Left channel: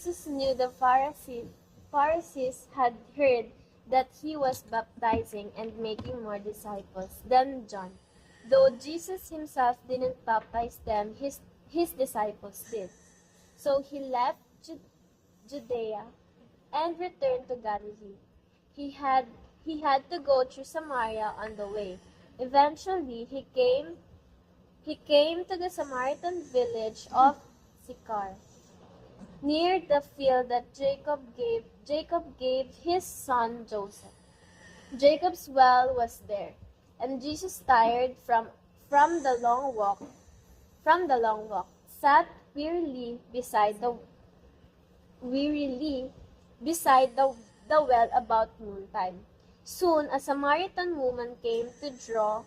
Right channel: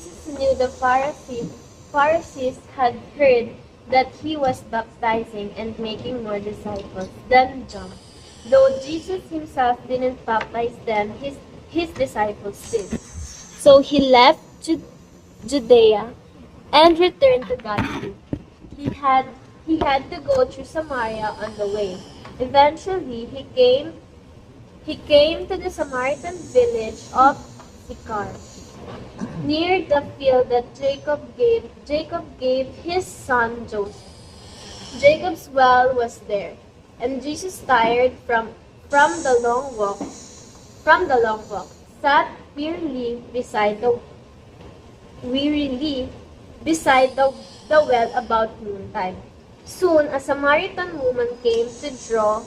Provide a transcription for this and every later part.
Jesus knew the Pharisees had heard that he was baptizing and making more disciples than John. Though Jesus himself didn't baptize them, his disciples did. So he left Judea and returned to Galilee. He had he had to go through Samaria on the way. Eventually, he came to the Samaritan village of Sychar, near the field that Jacob gave his son Joseph. Jacob's well was there, and Jesus, tired from the long walk, sat wearily beside the well about noontime. Soon a Samaritan woman came to draw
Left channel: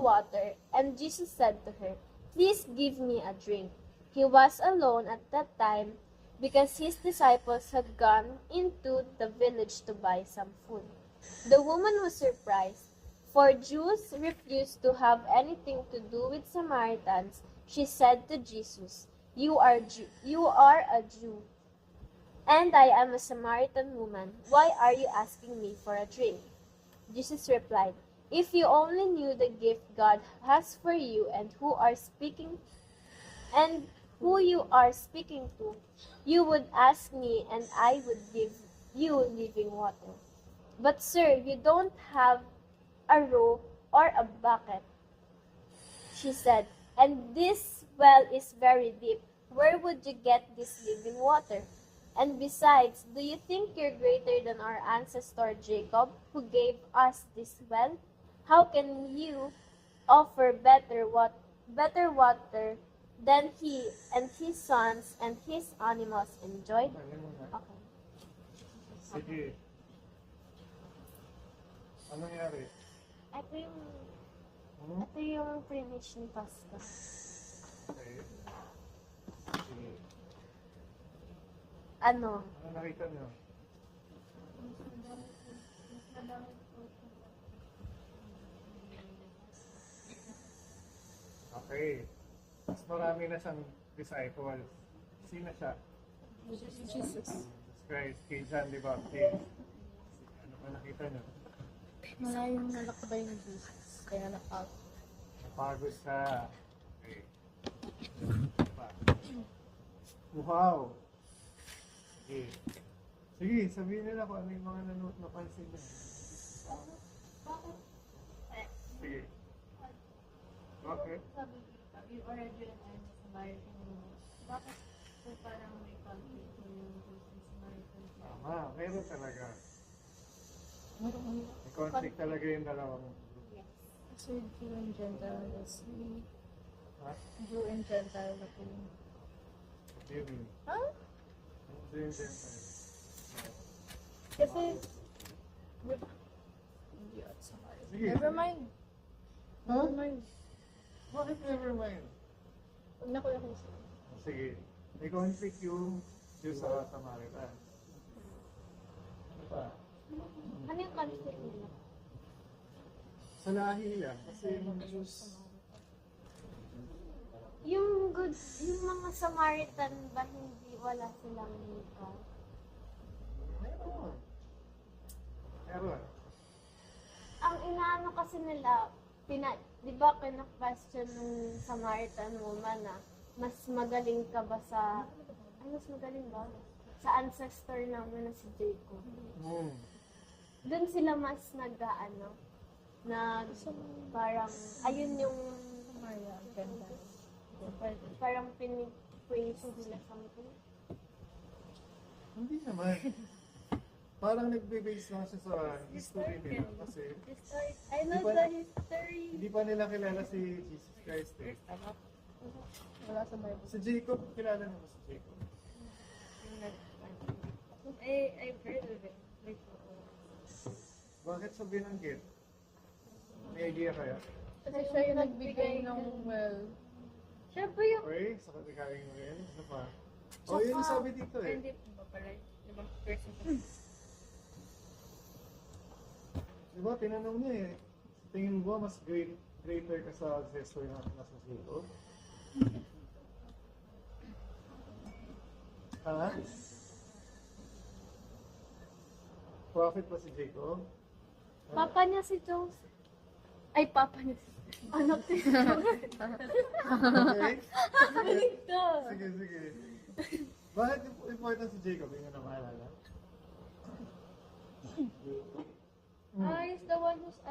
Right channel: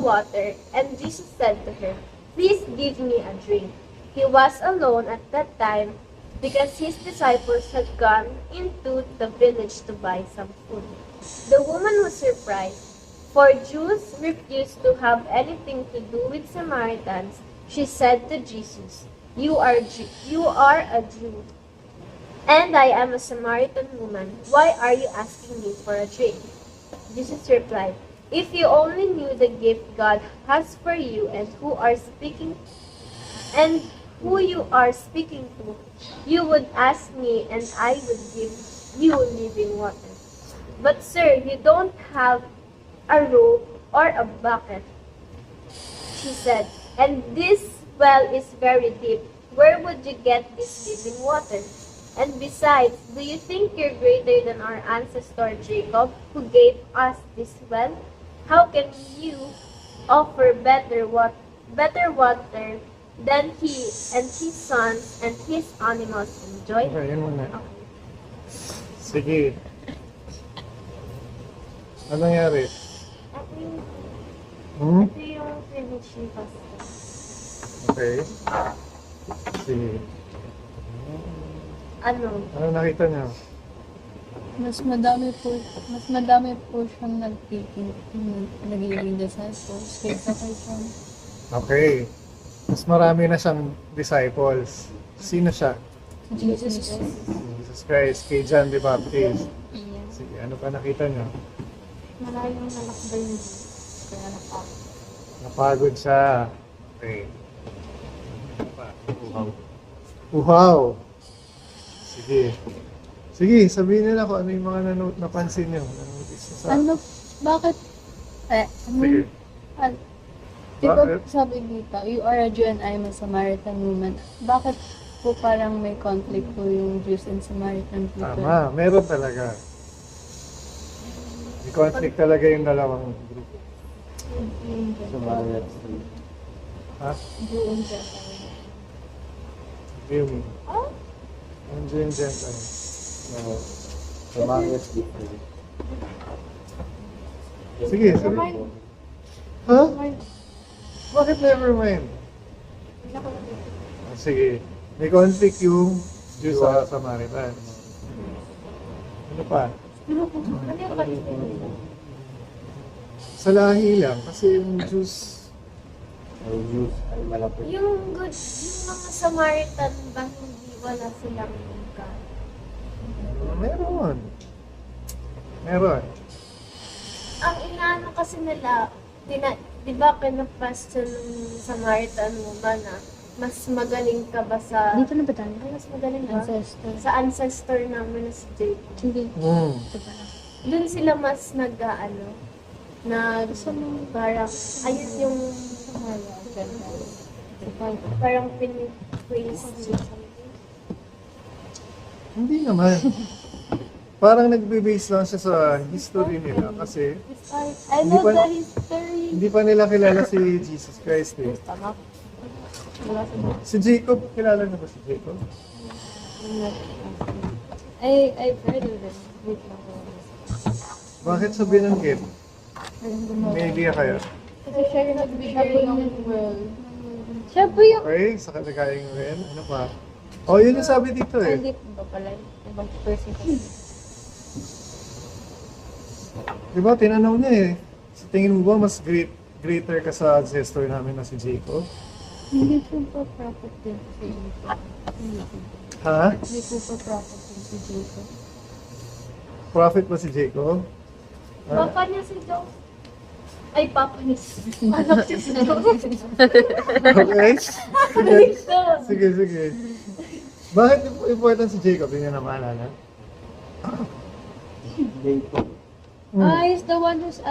water, and Jesus said to her, "Please give me a drink." He was alone at that time because his disciples had gone into the village to buy some food. The woman was surprised, for Jews refused to have anything to do with Samaritans. She said to Jesus, you are a Jew, and I am a Samaritan woman. Why are you asking me for a drink?" Jesus replied, "If you only knew the gift God has for you and who you are speaking to, you would ask me and I would give you living water. But sir, you don't have a rope or a bucket," she said, "and this well is very deep. Where would you get this living water? And besides, do you think you're greater than our ancestor Jacob, who gave us this well? How can you offer better water than he and his sons and his animals enjoy?" Okay, yun muna. Okay. Sige. Ano nangyari? Ito yung privilege ni Pastor. Okay. Sige. Ano? Ano nakita niyo? Mas madami po siyang nagiging disciples kaysa kay John. Okay. Mas marami na siyang disciples. Sino siya? Jesus. Jesus Christ. Kay John the Baptist. Yeah. Sige, ano pa nakita niyo? Maraming anak ba yun? Kaya napagod. Napagod siya. Okay. Ano pa? Uhaw. Sige. Sige, sabihin nila kung ano yung mga napansin niyo. Ano, bakit? Sige. Di ba Bakit? sabi dito, you are a Jew and I am a Samaritan woman. Bakit po parang may conflict po yung Jews and Samaritan people? Tama, meron talaga. May conflict talaga yung dalawang grupo. Ha? Jew and Gentile. Yung ang Jew and Gentile. Sige, sige. Ha? Bakit never mind? Sige. May conflict yung Jew sa Samaritan. Ano pa? Ano yung conflict? Sa lahi lang. Kasi yung Jews, Yung mga Samaritan ba hindi wala silang God? meron. Meron. Ang inaano kasi nila, di ba kinapasta ng Samaritan woman na mas magaling ka ba sa... Dito na ba tayo? Mas magaling ba? Ancestor. Sa ancestor namin na si Jacob. Hindi. Ito pala. Doon sila mas parang, ayun yung parang pinipraise niya something. Hindi naman. Parang nagbe-base lang siya sa history nila kasi I Hindi know pa- the history. hindi pa nila kilala si Jesus Christ eh. Tama. Wala sa book. Si Jacob, kilala na ba si Jacob? I've heard of it. Wait lang. Bakit sa binanggit? May idea kayo? Kasi siya yung nagbigay ng well. Siya po yung... Okay, sa kalagayang rin. Ano pa? Oh, yun yung sabi dito eh. Hindi ba pala? Ibang person kasi. Diba, tinanong niya eh. Sa tingin mo ba mas greater ka sa ancestor namin na si Jacob? Hindi po ba prophet din si Jacob? Hindi po. Ha? Hindi po pa prophet si Jacob. Prophet ba si Jacob? Ah, Papa niya si Joseph. Ay, papa niya si anak niya si Joseph. okay. Sige, sige. Bakit important si Jacob? Hindi niya na maalala. He's the one who's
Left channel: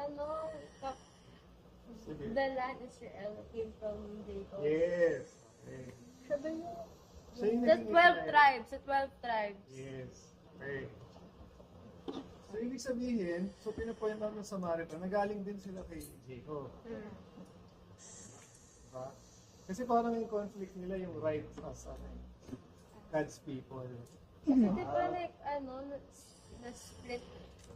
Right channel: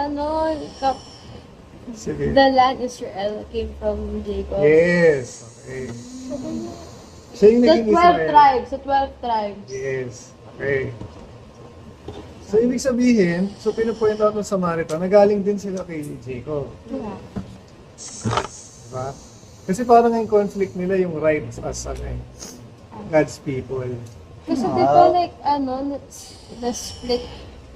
Sige. the land Israel came from Jacob. Yes. Okay. Siya yung The naging 12 Israel. tribes, the 12 tribes. Yes. Okay. So, ibig sabihin, so pinupoint out ng Samaritan, nagaling din sila kay Jacob. Yeah. Diba? Kasi parang yung conflict nila yung rights as God's people. Kasi di ba like, the split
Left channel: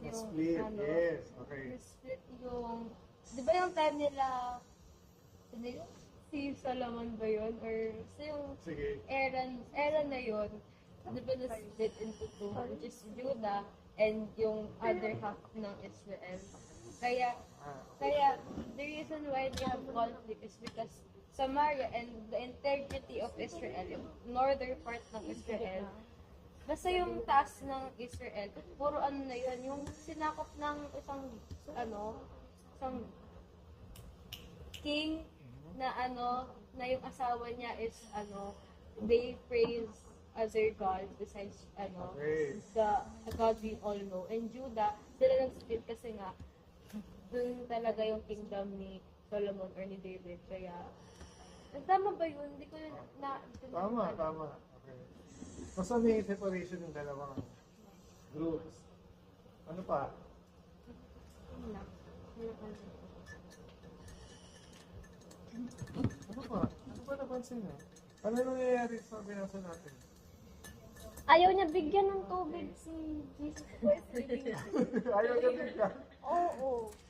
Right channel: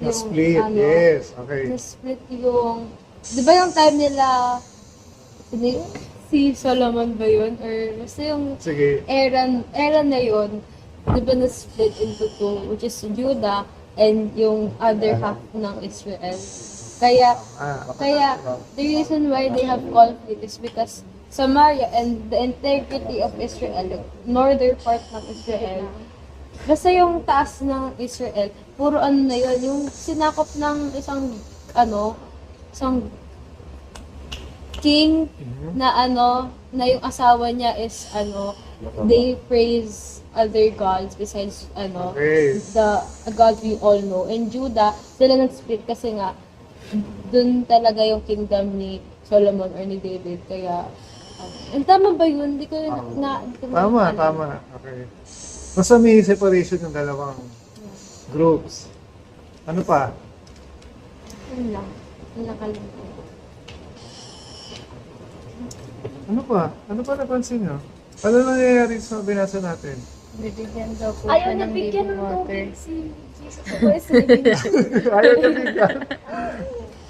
yung, Na-split, yes. Okay. na-split yung, di ba yung time nila, si Solomon ba yun? Or basta yung Sige. era na yun, di ba na-split into two, which is Judah and yung other half ng Israel. Kaya, kaya the reason why they have conflict is because Samaria and the integrity of Israel, northern part ng Israel, basta yung taas ng Israel, puro na yun, yung sinakop ng isang king na na yung asawa niya is they praise other gods besides Okay. the God we all know. And Judah, sila nag-split kasi nga dun talaga yung kingdom ni Solomon or ni David. Kaya, and tama ba yun? Hindi ko Tama, tama. Okay. Basta may separation ng dalawang groups. Ano pa? Yun lang. Yun nakalimutan. Ano pa? Ano pa napansin nyo? Ano nangyayari sa binasa natin? Bibigyan daw po Ayaw siya niya ng bigyan ng living water. tubig si Jesus Christ. Living water. Ayaw niya bigyan.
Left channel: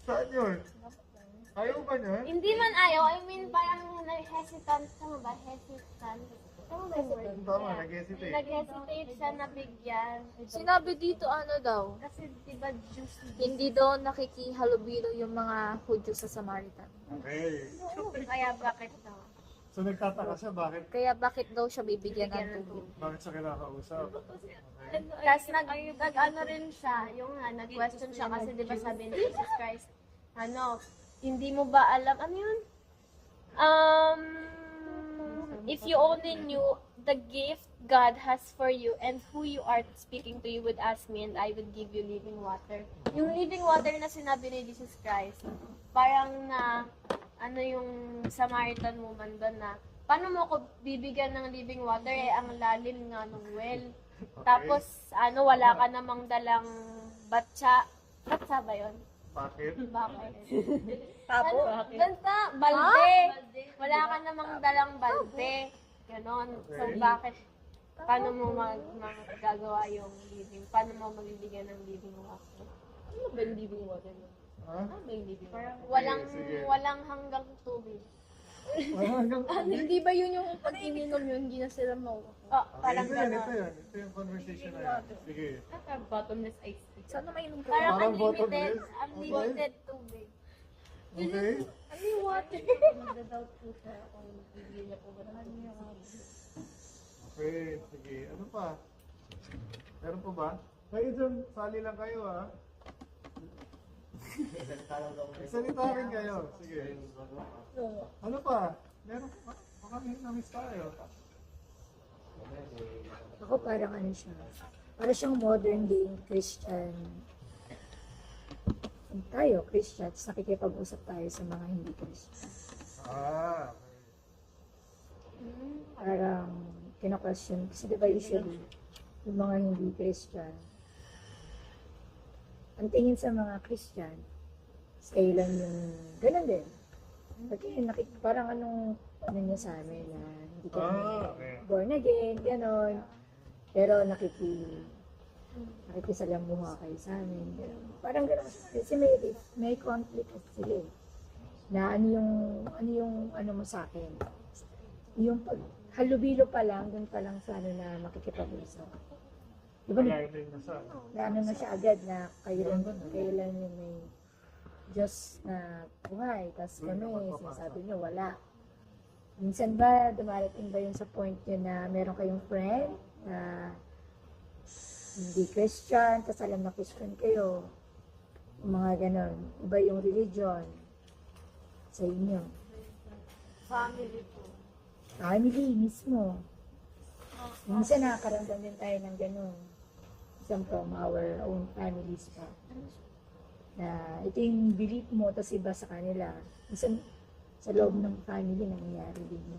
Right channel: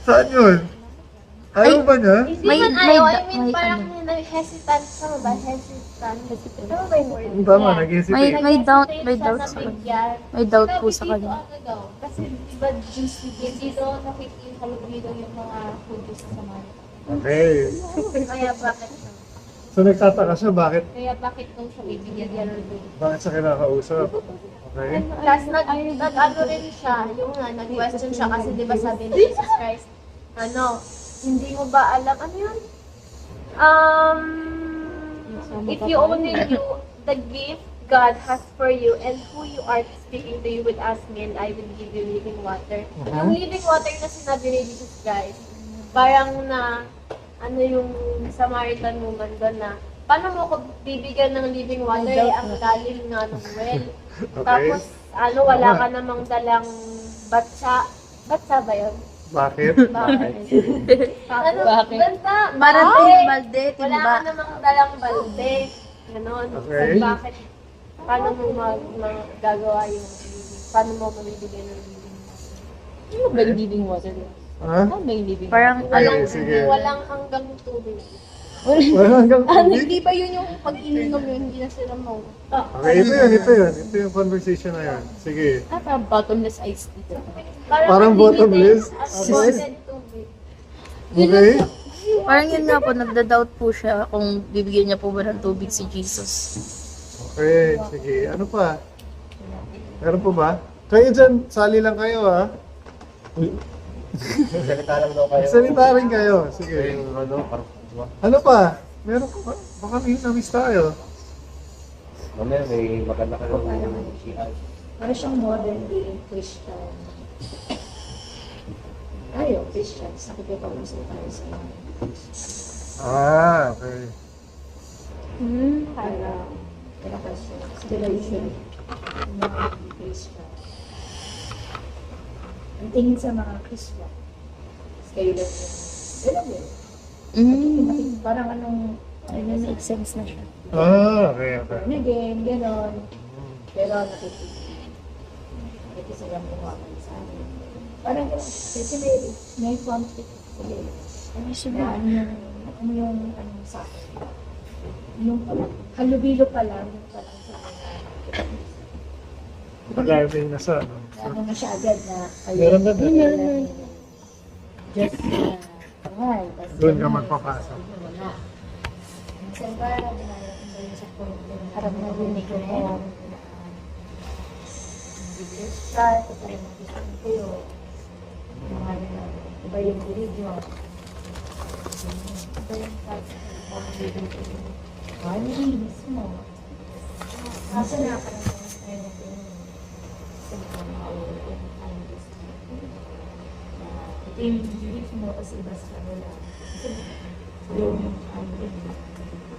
Saan yun? Ayaw ba niya? Hindi man ayaw, I mean parang hesitant. Tama ba? Hesitant. Tama ba yung word? Tama, Yeah. nag-hesitate. May doubt Nag-hesitate sa siya kanya. na bigyan. May doubt Sinabi po sa dito kanya. ano daw, kasi di ba Jews, hindi daw nakikihalubilo yung mga Hudyo sa Samaria. Okay. Kaya bakit So nagtataka siya, bakit daw siya bibigyan ng tubig? siya kinakausap? Okay. Tapos nag-ano rin siya, yung nag-question siya kasi di ba sabi ni Jesus Christ, hindi mo ba alam, ano yun? If you only knew the gift God has for you and who you are speaking to, you would ask me and I would give you living water. Yung living water na sinabi ni Jesus Christ, parang na, yung Samaritan woman doon na, paano mo ako bibigyan ng living water? Eh, ang lalim nga ng well. Okay. Tapos, wala ka namang dalang batsa. Batsa ba yun? Bakit? Bakit? Bakit? Basta, Balde, wala ka namang dalang balde. Ganon. Okay. Bakit? Paano mo magagawa yung living? Paano mo mabibigyan ng living water? Ano ba yung living water? Ha? Ano ba yung living Parang Okay, sige. Walang hanggang tubig. Wala hanggang tubig? Hindi ba yun yung pag ininom yun, hindi na sila mau... Okay, ito yun. Ito yung conversation na yun. Sige. Parang bottomless iced tea. Parang bottomless? Unlimited tubig. Okay? Parang yun nga po, nagda-doubt po siya kung bibigyan niya po ba ng tubig si Jesus. Okay, sige. Ano pa? Meron po ba? Kayo dyan, sali lang kayo ha. Salita lang daw kayo. Salita rin kayo. Sige. Ano pa? Meron pa? Baka may na-miss tayo. Mamaya may maganda ka ng CI. Para siyang modern day Christian. Tayo, Christians, nakikipag-usap tayo sa mga hindi Christian. Okay. Parang, pinaka-question, sila usually, yung mga hindi Christian. Ang tingin sa mga Christian, kayo lang yung, din. Parang anong, Make sense na siya. Okay. born again, gano'n. Pero nakikisalamuha kayo sa amin. Parang gano'n. Kasi may conflict sila. Na ano yung mo sa akin. Yung halubilo pa lang, yung pa lang sa amin na nakikipag-usap. Pag-arving na sa ano. Ano na siya agad na kayo. Meron ba? Meron. Just na buhay. Tas Doon ka ganyan. magpapasok. Sabi ko, wala. Minsan ba, dumarating ba yun sa point yun na meron ni friend na Christian, kasali na Christian kayo. Mga ganon. Iba yung religion. So, yun. Iba yung Family mismo. Kasi nakakaramdaman tayo ng ganun. From our own families mo. Na ito yung belief mo kasi iba sa kanila. Kasi sa loob ng family nila. belief mo.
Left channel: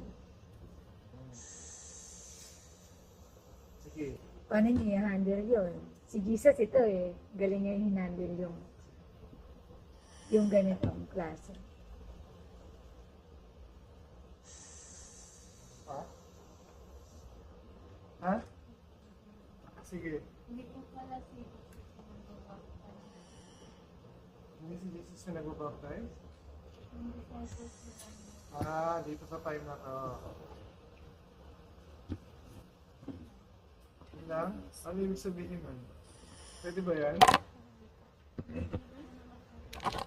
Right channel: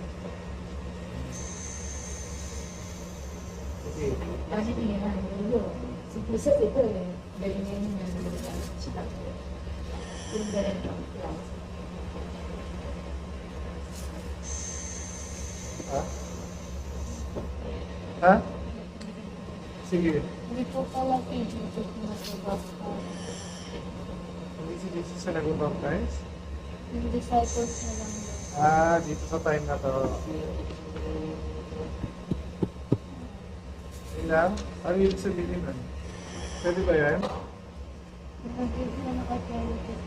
Paano niya handle yun? Si Jesus ito eh. Galing niya yung handle yan. Yung ganitong class. Ha? Sige. Hindi po pala si Jesus na nabaptize. Hindi si Jesus sa nag-baptize? Yung disciples na lang daw. Dito sa time na to. Ilang? Ano yung sabihin nun? Pwede ba yan? Hindi na nakatulog.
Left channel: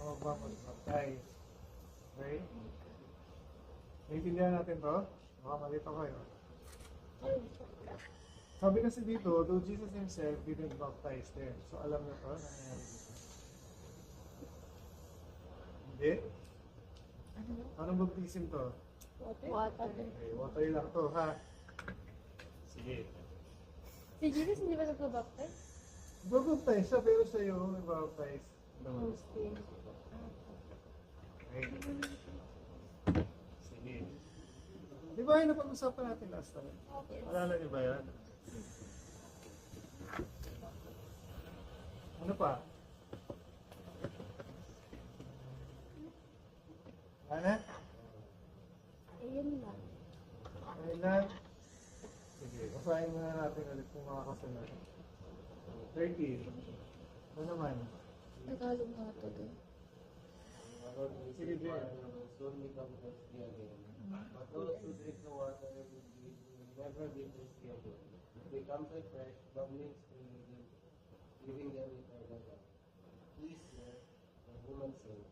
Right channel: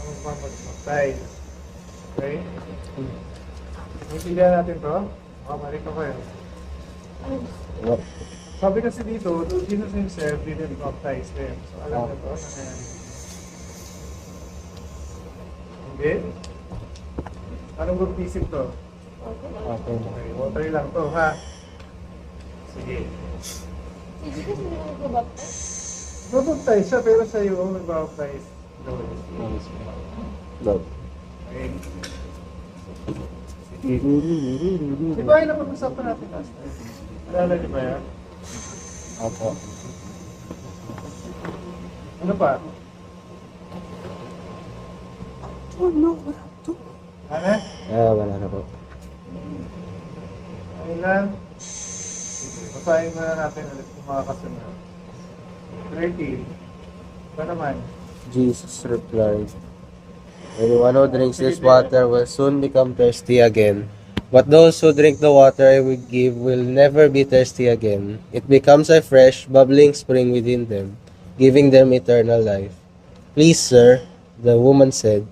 Ano pa mag-baptize? Okay? Naintindihan natin to? Makabalik ako yan. Sabi kasi dito, Jesus himself didn't baptize them. So alam na to, nangyayari. Hindi? Anong baptism to? Okay, water lang to, ha? Sige. Si Jesus hindi naman nabaptize? Baptize siya, pero sa iyo, mag-baptize. Love. Okay. Di ba yun ang pag-usapan natin last time? Alala niyo ba yan? Opo. Ano pa? Ano? Wala na po. Ayun lang. Sige, basahin na natin ulit kung mga kasunod. 13. Ba naman? Jesus replied, anyone who drinks this water will soon become thirsty again. But those who drink the water I will give will never be thirsty again. It becomes a fresh, bubbling spring within them, giving them eternal life. Please, sir, the woman said,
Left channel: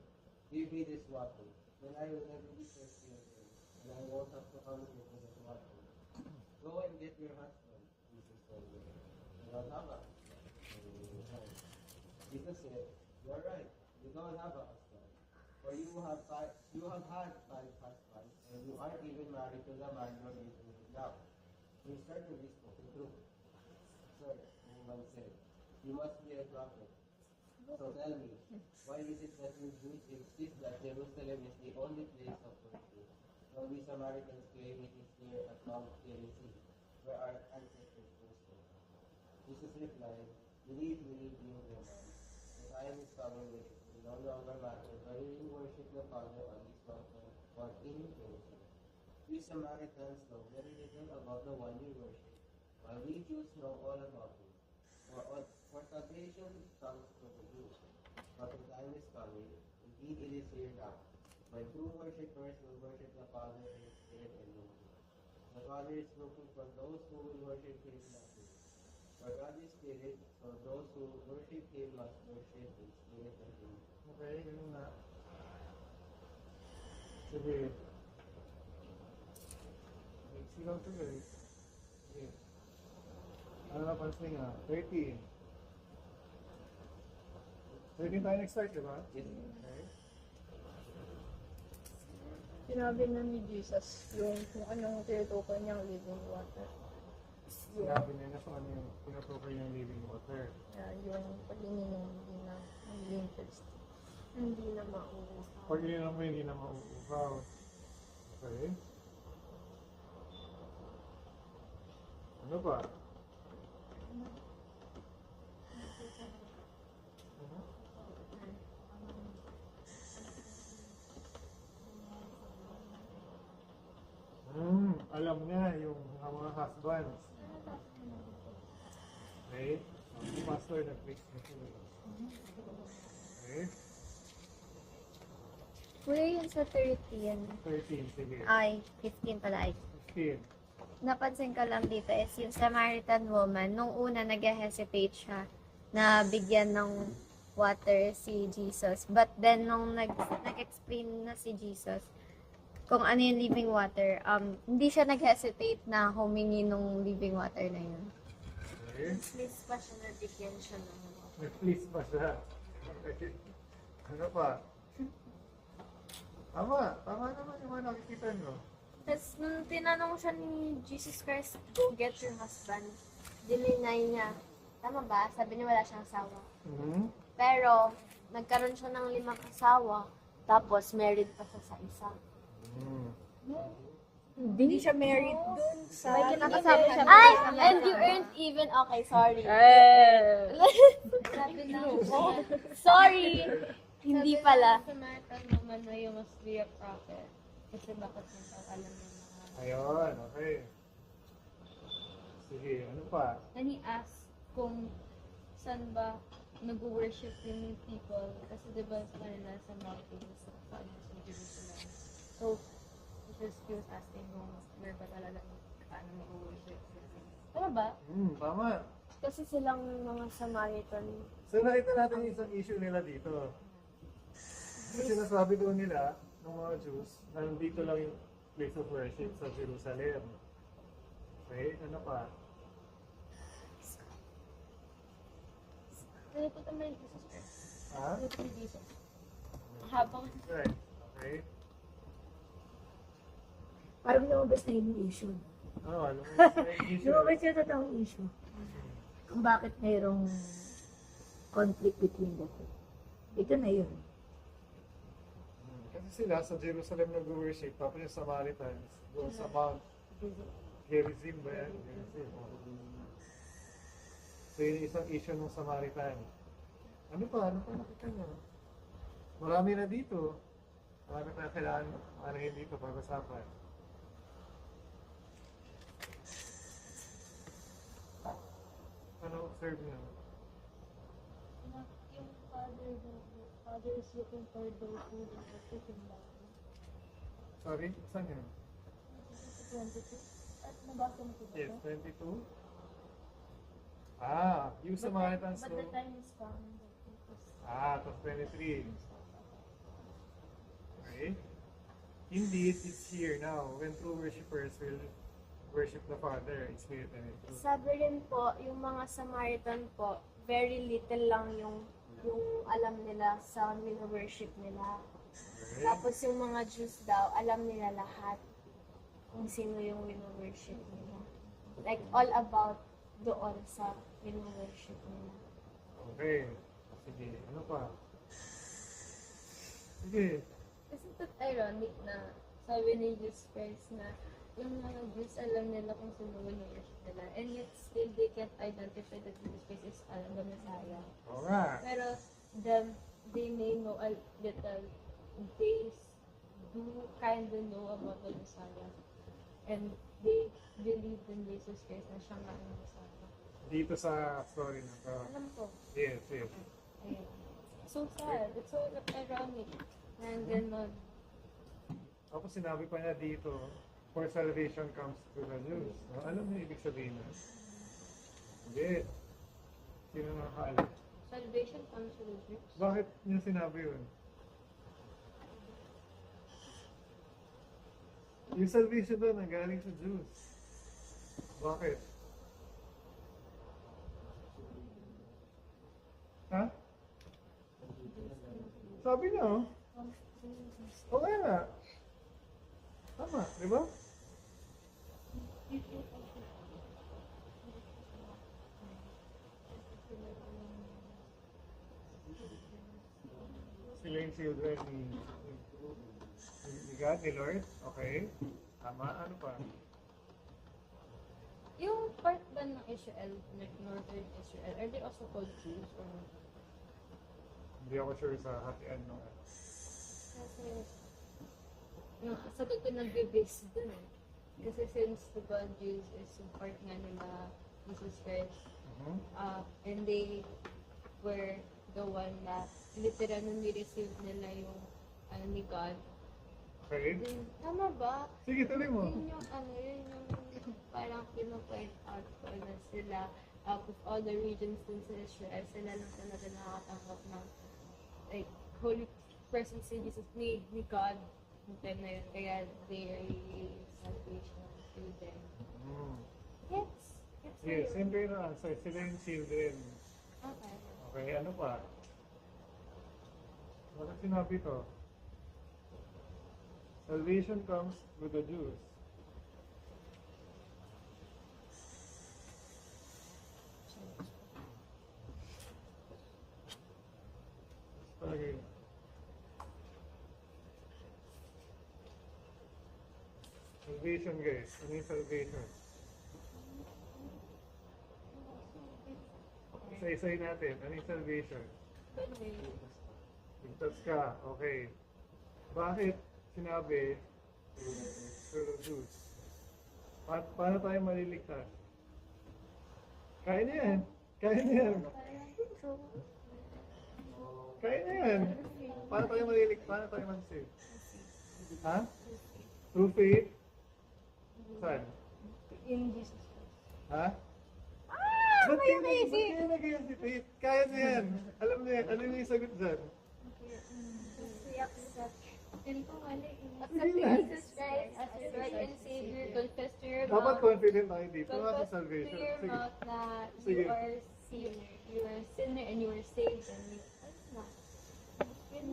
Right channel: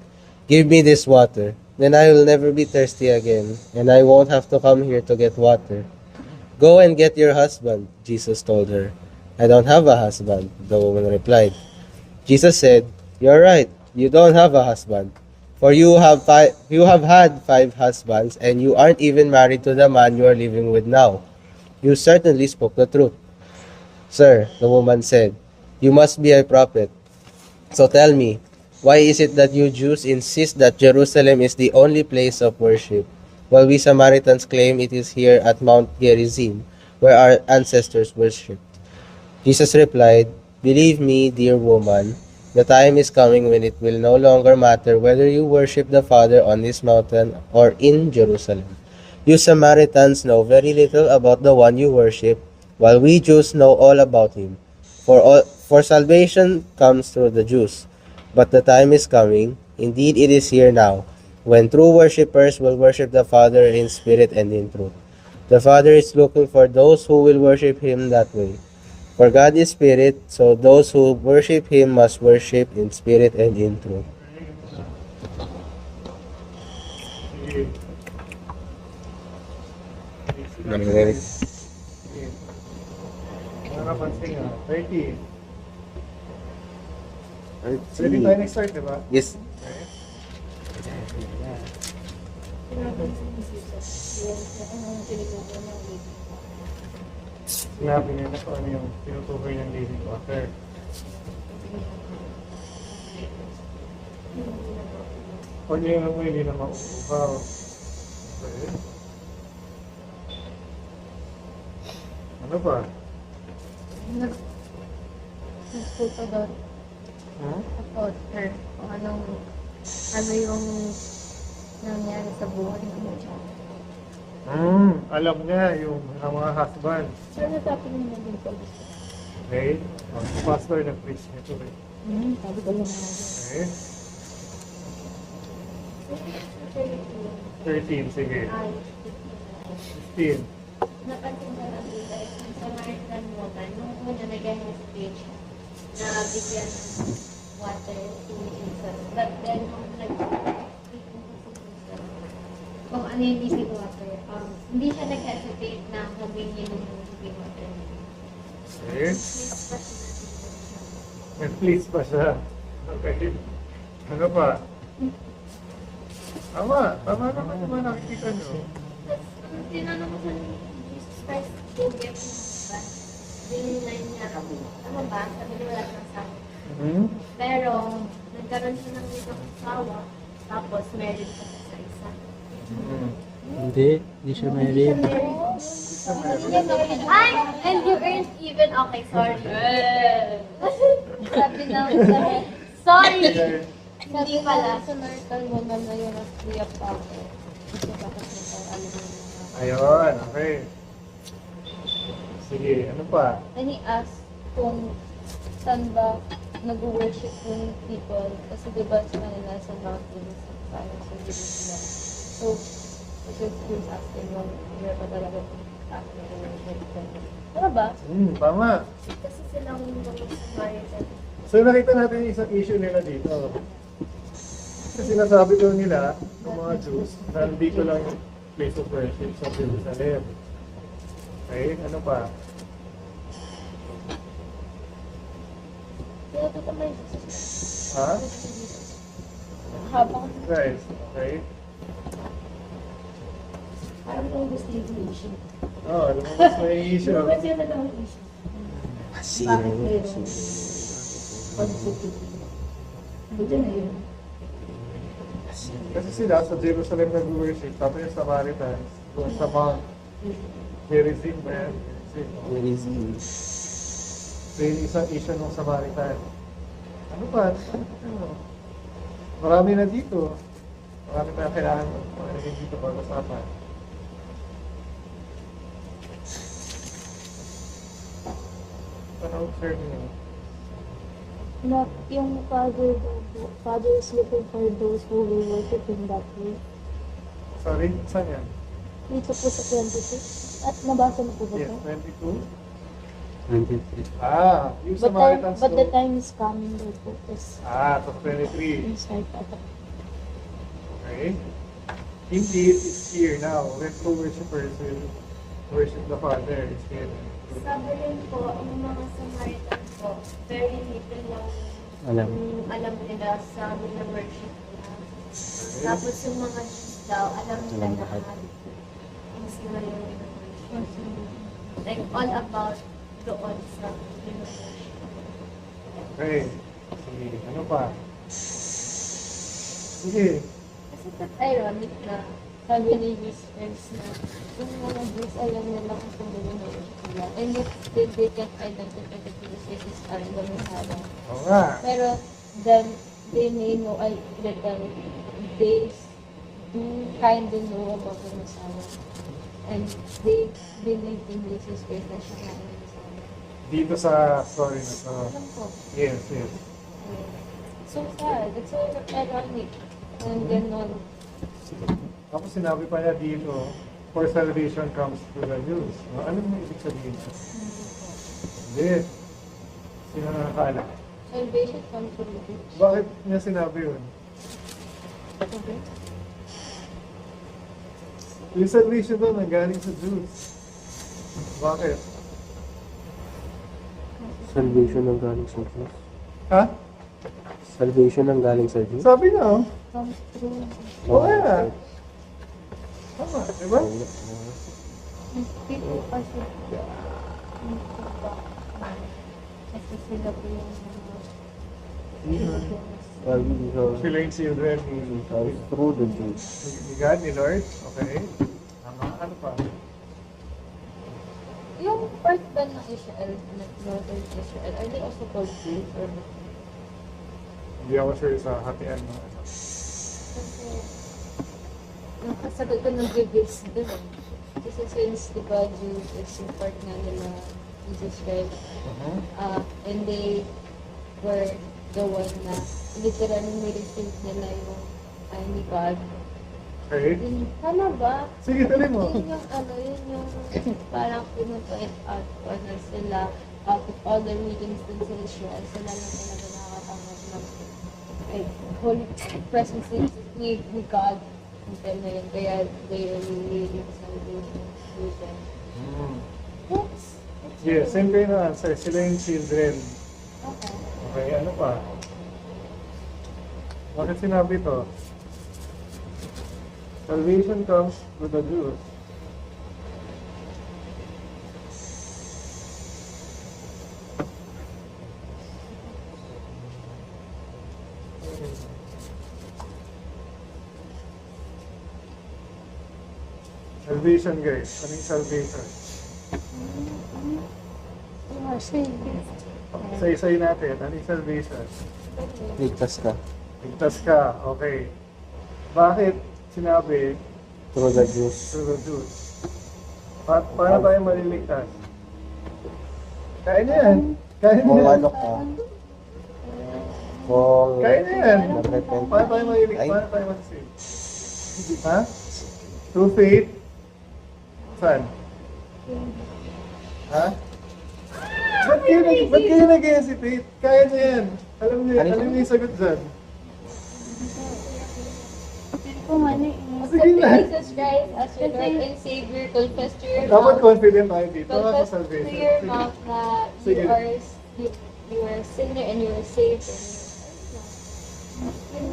give me this water. Then I will never be thirsty again, and I won't have to come here to get water. Go and get your husband, Jesus told her. I don't have a husband, the woman replied. Jesus said, you're right, you don't have a husband. For you have had 5 husbands, and you aren't even married to the man you are living with now. You certainly spoke the truth. Sir, the woman said, you must be a prophet. So tell me, why is it that you Jews insist that Jerusalem is the only place of worship, while we Samaritans claim it is here at Mount Gerizim, where our ancestors worshipped? Jesus replied, believe me, dear woman, the time is coming when it will no longer matter whether you worship the Father on this mountain or in Jerusalem. You Samaritans know very little about the one you worship, while we Jews know all about him. For salvation comes through the Jews. But the time is coming, indeed it is here now, when true worshippers will worship the Father in spirit and in truth. The Father is looking for those who will worship him that way. For God is spirit, so those who worship him must worship in spirit and in truth. Sige. Nangyayari. Sige. Ano napansin nga? 30. Pwede tayo next start, di ba? Yes. Okay. Sinabi ni Jesus, yung anong tinuturo ng living water. Sinabi niya na kung ano yung tinutukoy ng living water. Pag yun mo hindi na mauubaw. Okay. Ano pa? Nagputo doon. Huh? About her. Kung ano yung nangyari sa buhay niya. Alam niya yung ang mga husband. Sir, natapos niya din po. Okay? Si pastor nag-preach nito eh. Sabi ko lang. Okay? Wala yun sa 30. 13, sige. Ay, 15 pala ay. 15. Napansin ko lang dito is yung Samaritan woman, nung una nag-hesitate siya na bigyan ng water si Jesus. But then nung nag-explain na si Jesus kung ano yung living water, hindi siya nag-hesitate na humingi ng living water na yun. Okay. Please pa siya nabigyan siya. May please pa siya. Okay. Ano pa? Tama naman naman nakikita nyo. Tapos, nung tinanong siya ni Jesus Christ, go get your husband. Dininay niya, tama ba? Sabi niya wala siyang asawa. Pero, nagkaroon siya ng 5 asawa, tapos married pa siya sa isa. Hindi siya Hindi siya married. Ay! And you earned even, okay, sorry. Sabi ng Sorry! hindi pala, sa Samaritan woman na yun at free of power. Kasi kasi alam mo na. Ayun, okay. Sige, ano pa? And he asked kung saan ba nag-worship yung people. Kasi diba sa kanila sa mountains, parang sa Jerusalem. So, because he was asking kung where pa talaga worship them. Ano ba? Tama. Kasi silang mga Samaritan. So nakita natin yung isang issue nila dito. Kasi sinasabi daw nila, ng mga Jews, na dito lang yung place of worship sa Jerusalem. Okay, ano pa? Kaya ito may Ha? habang Guys, okay? Parang lumabas na yung issue. Oh, lumabas na yung issue. Lumabas yan na daw yung issue. Bakit merong conflict? Ito na yun. Kasi sila sa Jerusalem nag-worship, tapos yung Samaritans, doon sa Mount Gerizim ba yan? Gerizim. So yung isang issue ng Samaritan. Ano ba? Ano? Marami na dito. Marami na kailangan dito pag-usapan. Ano-observe niyo? Not yung Father is looking for those who will worship Him that way. Sorry, saan yan? Dito po sa 26. At nabasa na po ba Yes, ito? 22. Ah, yung Samaritans But the to- time is coming daw po. Tapos Ah, top 23. yung start ata. Okay. Indeed, it's here now. When true worshipers will worship the Father, it's here. Sabi yun po, yung mga Samaritan po, very little lang yung alam nila sa worship nila. Tapos yung mga Jews daw, alam nila lahat kung sino yung worship. Like all about doon sa worship. Okay. Sige, ano pa? Sige. kasi it's ironic na sabi ni Jesus Christ na yung mga Jews alam nila kung saan yung worship nila. And yet still they can't identify that Jesus Christ are the Messiah. Oo nga. Pero then they may know, they do kind of know about the Messiah. And they believe in Jesus Christ na siya nga yung Messiah. Dito sa story na to. Alam ko. Yes, yes. So sad. It's so ironic. And ganon. Tapos sinabi pa niya dito, for salvation comes through the Jews. Ano mo ibig sabihin? Hindi. Sino nakakaalam? Salvation comes from the Jews. Bakit niya sinabi yun? Okay. Yung salvation doon nanggaling sa Jews. Bakit? Salvation ang galing sa Diyos. Ha? Salvation ang galing sa Diyos? Sabi niya, oh. Comes through. Oo nga. Tama, di ba? People kasi kasi sila po yung Sila yung children ni Through the Jews. ni God, ni Lord. Okay. Tama. Ano pa? yung part ba ng Israel, Northern Israel, are they also called Jews or not? Hindi ako sure sa hatian ng ano. Kasi, nakasagot ko ng previous dun eh. Kasi since, di ba, Jews is yung part nga nila Jesus Christ, and they were the one na literally ni-receive nila yung ni God. Okay. Yun, tama ba? Sige, tuloy mo. Yun yung yun yung parang pinupoint out ko na sila out of all the regions dun sa Israel, sila lang talaga nakakatanggap ng like, holy presence ni God. Yung time na yun. Kaya they are really salvation to them. Mm. It's Yes, same kayo na answer. Sila yung children. Okay. Okay, ano pa? Bakit sinabi to? Salvation comes to the Jews. Salvation guys. Ano yung salvation? Isa-isay natin. Ano yung salvation? Ligtas ka. Ligtas ka. Okay. Bakit sinabi Through the Jews. through the Jews? Paano tayo maliligtas? Kaya niya yan. Kaya niya Kung yan. ano ka. Kung Kaya niya yan. nag-repent. Paano tayo maliligtas? Ay, Paano tayo mag-save? Ha? Through faith? Saan? Ha? Ba't kayo nag-hesitate? Kaya niya yan. Alam niyo yung sagot dyan. Kung ano eh. Sige na. Jesus Christ as your Lord and Savior, confess to your Dapat mouth. confident tayo dito. Sa Confess to salvation. your Sige. mouth na Sige. you are a sinner and you are saved. And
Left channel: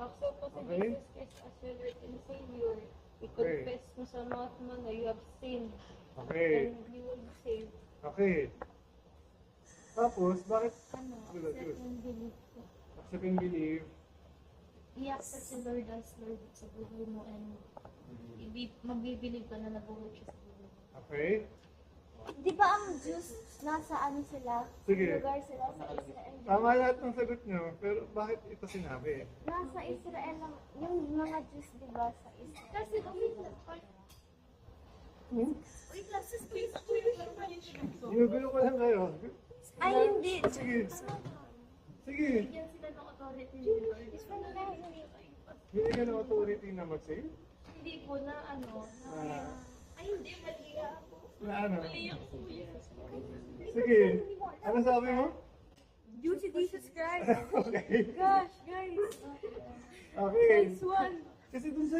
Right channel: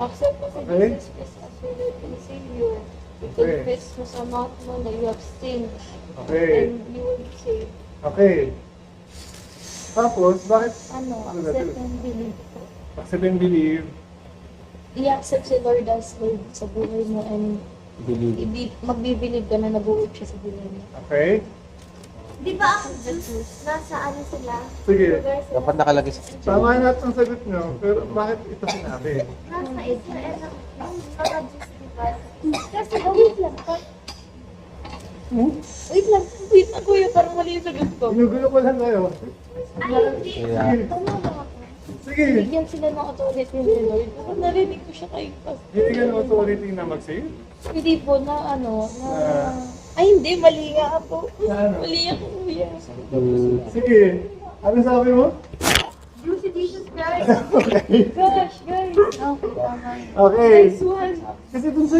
accept mo si Okay. Jesus Christ as your Lord and Savior. Okay. I-confess mo sa mouth mo na you have sinned Okay. and you will be saved. Okay. Tapos, bakit Ano, Ano na accept to? and believe. accept and believe? I-accept si Lord as Lord sa buhay mo and believe. magbibilib ka na nag-work siya sa buhay mo. Okay? Di ba ang Jews, nasa ano sila? Sige. Lugar sila. Dapat nakalagay sa Tama lahat ng sagot nyo, pero bakit ito sinabi? Nasa Israel ang mga Jews, di ba? Kasi, wait lang. Wait lang, wait ako yun, parang mali yung sagot ko. Ginugulo ko lang kayo. Ay, hindi. Sige. Tama mo ako. Sige. Bigyan sila ng authority ni Lord. Parang narinig ko siya kay Pastor. Hindi ka ng authority na mag-save? Hindi po na ano, na... Na- Ay hindi, mali nga ako. Na ano? Mali ako, kuya. Sige. Ano sabi mo? Jews si Jesus Christ. Okay. Gosh, guys. Okay, tama. Okay. Nice one. Kasi dun sa...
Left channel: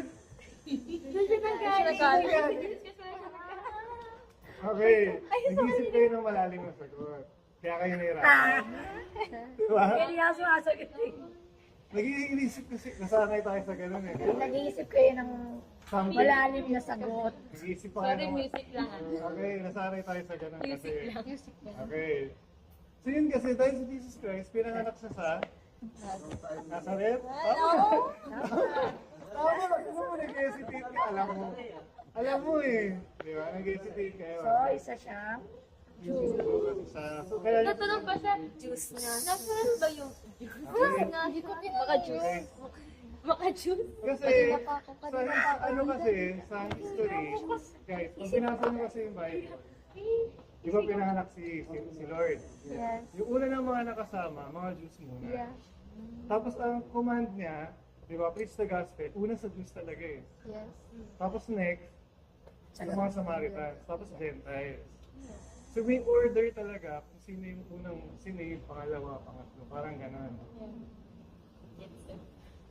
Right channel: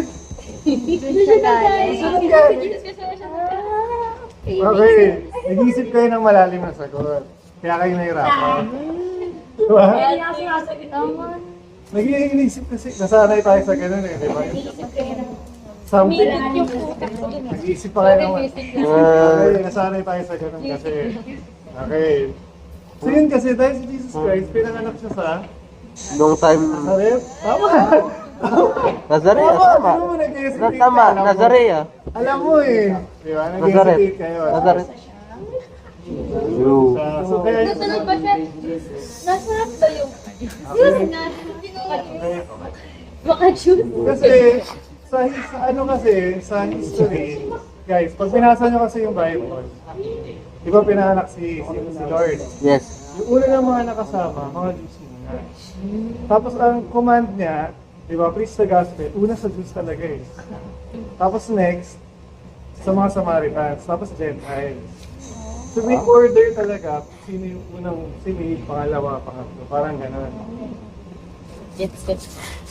Doon siya galing. Saan galing? Okay. Nag-iisip kayo ng malalim na sagot. Kaya kayo nahirapan. Diba? Tama. Nag-iisip kasi, nasanay tayo sa ganun eh, di ba? Something. Nag-iisip pa kayo naman. Okay, nasanay tayo sa ganun kasi. Okay. So yun kasi, dahil si Jesus Christ, pinanganak siya sa Nung time, Nazareth. Tama! Nazarea, Tama! tama. Ano mo nag-hesitate ka? Tama, Alam mo. Nazarea. Alam mo eh. Di ba? Nazareth. Nag-hesitate kayo. Nazareth. You. So kaya yun. Natanong ba siya? Nasarap ba yung Okay. mga Jews? Kasi, sa ano kasi, sa history, guys, pag binasa nyo kasi yung Bible, di ba pinanganak si Lord? Yes. Yung una ng mga nakasama, mga Jews muna. Tapos ang command niya, di ba, preach the gospel, una sa Jews talaga eh. Tapos next, sa mga Samaritans, tapos Gentiles. So may order talaga, sino yung unang sinave, pangalawa, pangatlo, parang gano'n. Gets.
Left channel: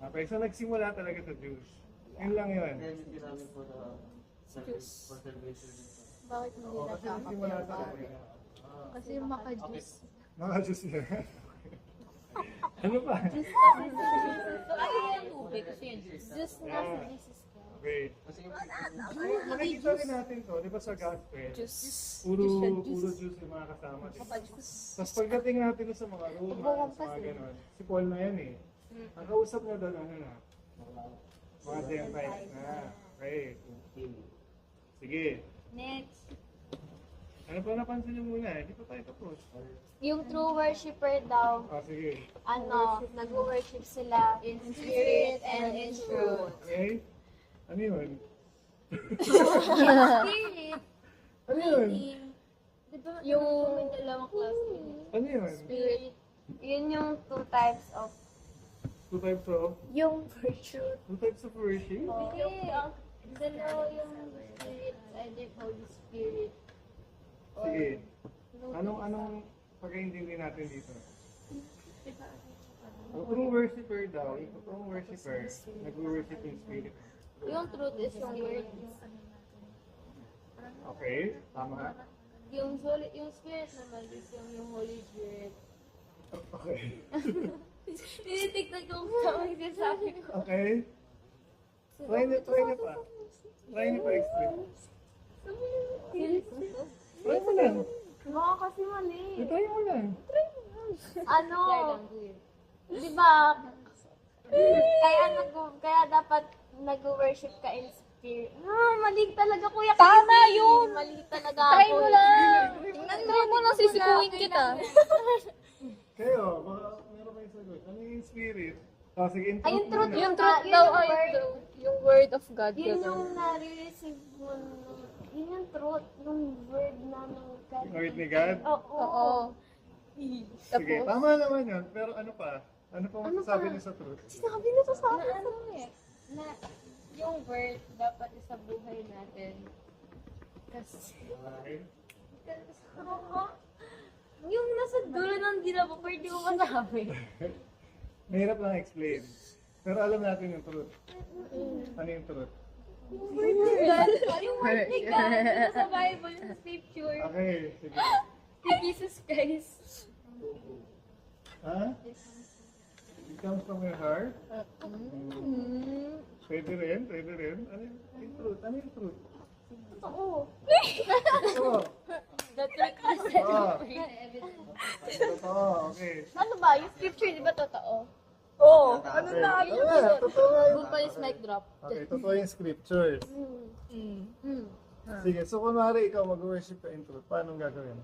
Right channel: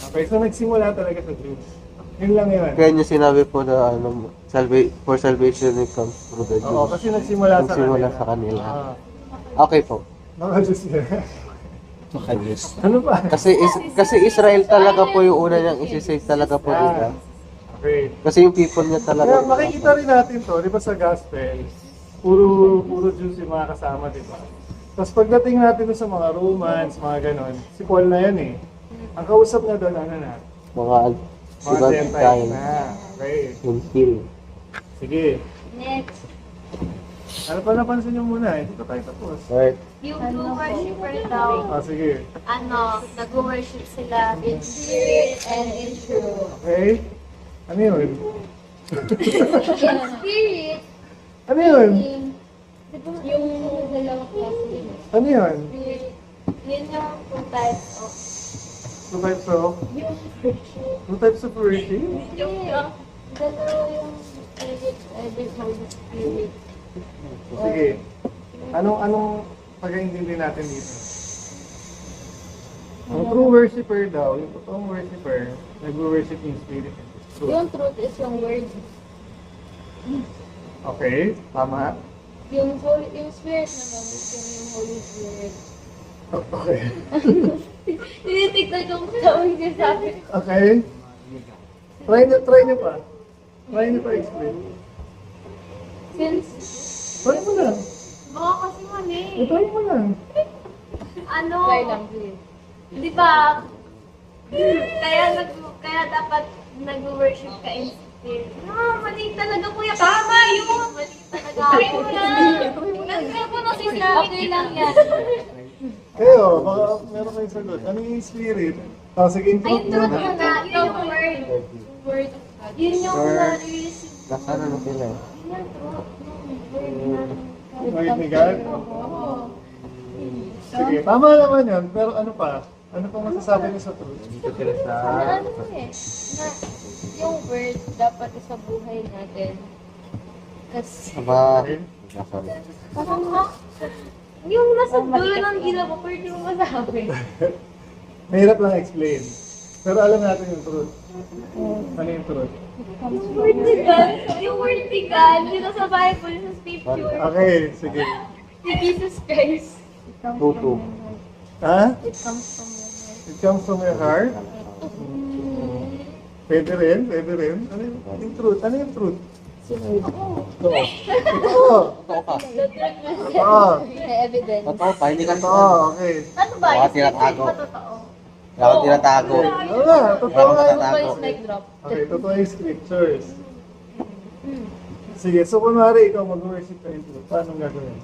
Okay, so nagsimula talaga sa Jews. Yun lang yun. Kaya niya sinabi po na ano, for salvation it comes through the Oo, Jews. kasi nagsimula sa Nagsimula kanila. sa kanila. Ah, Okay po. mga Jews yun. Yes. Ano ba? Kasi Israel talaga po yung una niyang isi-save talaga po nila. Okay. Kasi yung people niya Kaya talaga. makikita rin natin to, di ba sa gospel, puro Jews yung mga kasama, di ba? Tapos pagdating natin doon sa mga Romans, mga ganon, si Paul na yan eh. Ang kausap niya doon, ano na? Mga Mga ibang Gentiles kind. na. Okay. Until. Sige. Next. Ano pa napansin niyo muna? Hindi pa tayo tapos. Right. Yung true worshiper daw, Ah, sige. ano, nag-worship sila in spirit and in truth. Okay? Ano yun? Spirit, Ano yun? Yung dalawang klase. Ano yun? spirit, yun yung two types of, Two types of? yung virtue. Two types of worship? Yung, dalawa yung spirit, the Holy Spirit. Sige. Anong pag-iintindi natin dito? Ang true worshiper daw, yung totoong worshiper, nag-worship in spirit and truth. Yung truth is yung word. Okay, tama. Yung spirit naman, gusto mo yung Holy Spirit. Okay. Tinitignan ko kung tawag niya sa akin. Okay. Try niyo pa. Try niyo pa explain. Since, Try mo lang. Baka kasi mali. Try mo lang. Ano? try lang, please. Di ba? Kaya dapat nag-worship ka in spirit. No, mali talaga kuya. Tama yun! Mali talaga. Try mo lang. Try mo na sinabi lang yan. Kayo, baka meron kayong sagot. Ano yung spirit? Sige, intro Ayun, truth muna. yun na. Yung word. Yung word of God. Yun yung Sure. na-receive. Nasa ano sila? Yun yung truth. Yung word na. Word ni God? Oo. Sige, tama naman yun. Pero ano pa? Ano pa masasabi niyo sa truth? Dito sila sa... Na ano eh, na yung word dapat sa buhay natin. Kasi, Sabari. Parang yung nasa dulo ng gila mo, pwede mo masabi. Mahirap lang explain. Pero alam natin yung truth. Ano yung truth? Yung word ni God, yung word ni God, dito sa Bible, sa scripture, Okay, sige. ni Jesus Christ. Tutu. Ha? it comes from your heart. It comes from your heart? Pwede rin, pwede rin. Ano yung truth? Ano yung truth? Totoo. Totoo. The truth will set Ah. you free. May evidence. Totoo pa, hindi ka Totoo, okay. Ano ba? Baka Yung scripture tinatago. ba totoo? Wala kang tinatago. Oo nga, totoo nga Wala yun. kang Ito tinatago. is mic drop. Okay, totoo yung scriptures. Sige, so kunwari ikaw mag-worship ka in truth, paano gagawin?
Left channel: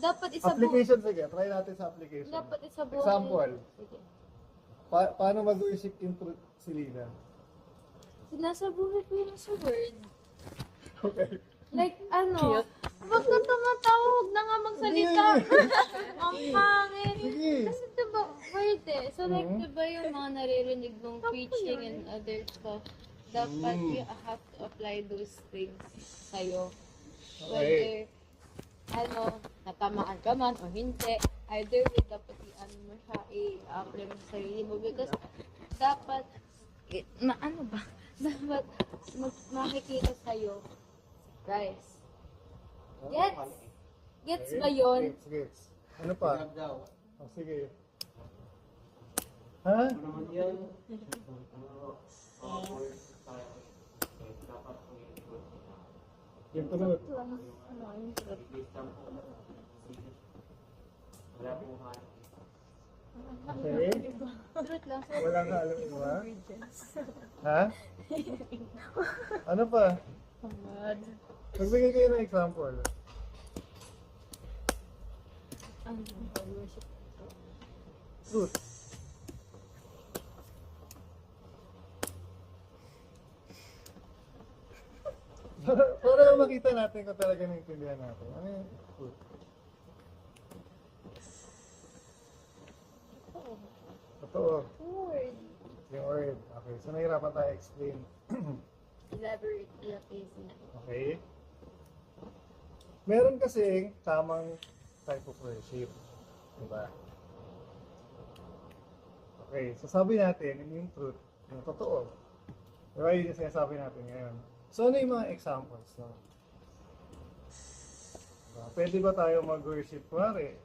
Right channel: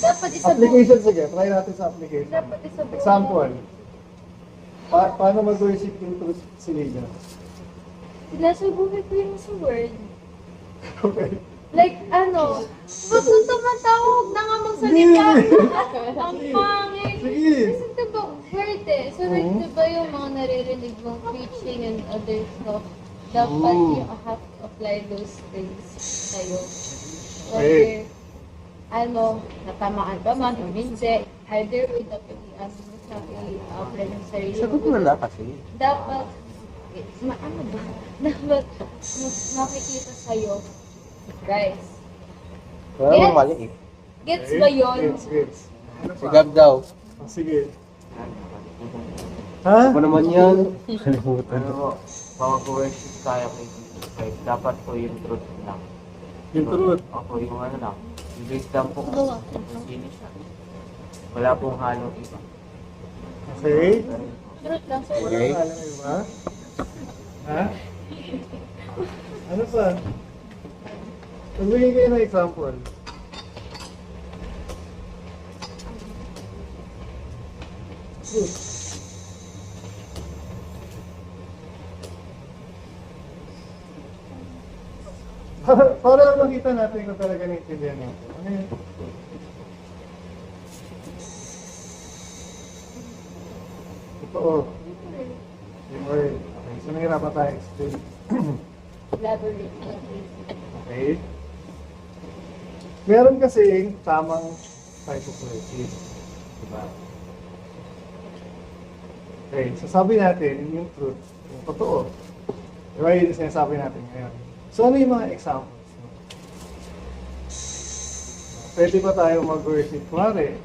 Dapat isa buhay. Application, sige, try natin sa application. Dapat isa buhay. Example. Paano mag-worship in truth si Lina? Nasa buhay ko yung sa word. Okay. Like, ano, ba't kung tumatawag na nga magsalita? Ang pangit. Sige. Kasi diba, word eh. So like, Mhm. diba yung mga naririnig mong preaching and other stuff, dapat Mm. you have to apply those things sa'yo. Okay. Whether, ano, natamaan ka man o hindi, either way, dapat i-ano mo sa i-apply mo sa sarili mo. Sagot mo na kasi. Dapat, ano ba? Dapat makikita sa'yo, Christ. Wala Yes. mong mali eh. Gets ba yun? Gets. Ano pa? Sigab daw. Oh, sige. Ha? Ano naman yan? Kalimutan. Ano po, pag-worship tayo kay Jesus Christ, dapat po yung truth lang. Yung truth. Ako yung ano lang, yung base lang po kasi finish na. Wala pong halong iba. Okay. Truth lang, sir. Wala na alam mo, ha? Ha? Ano pa? Magbigay kayo ng example. Truth. Para makita natin kung talaga naintindihan natin. Ano yun? Totoo. Yung word. Okay, so nahirapan tayo explain. Elaborate. please. Okay? Meron kasi tamang type of worship. Diba? Okay, so sabi natin, yung truth, yung totoo. Diba yun yung sinasabi natin ngayon? So ano yung mga examples? No? Pwede ba tayo mag-worship? Kunwari,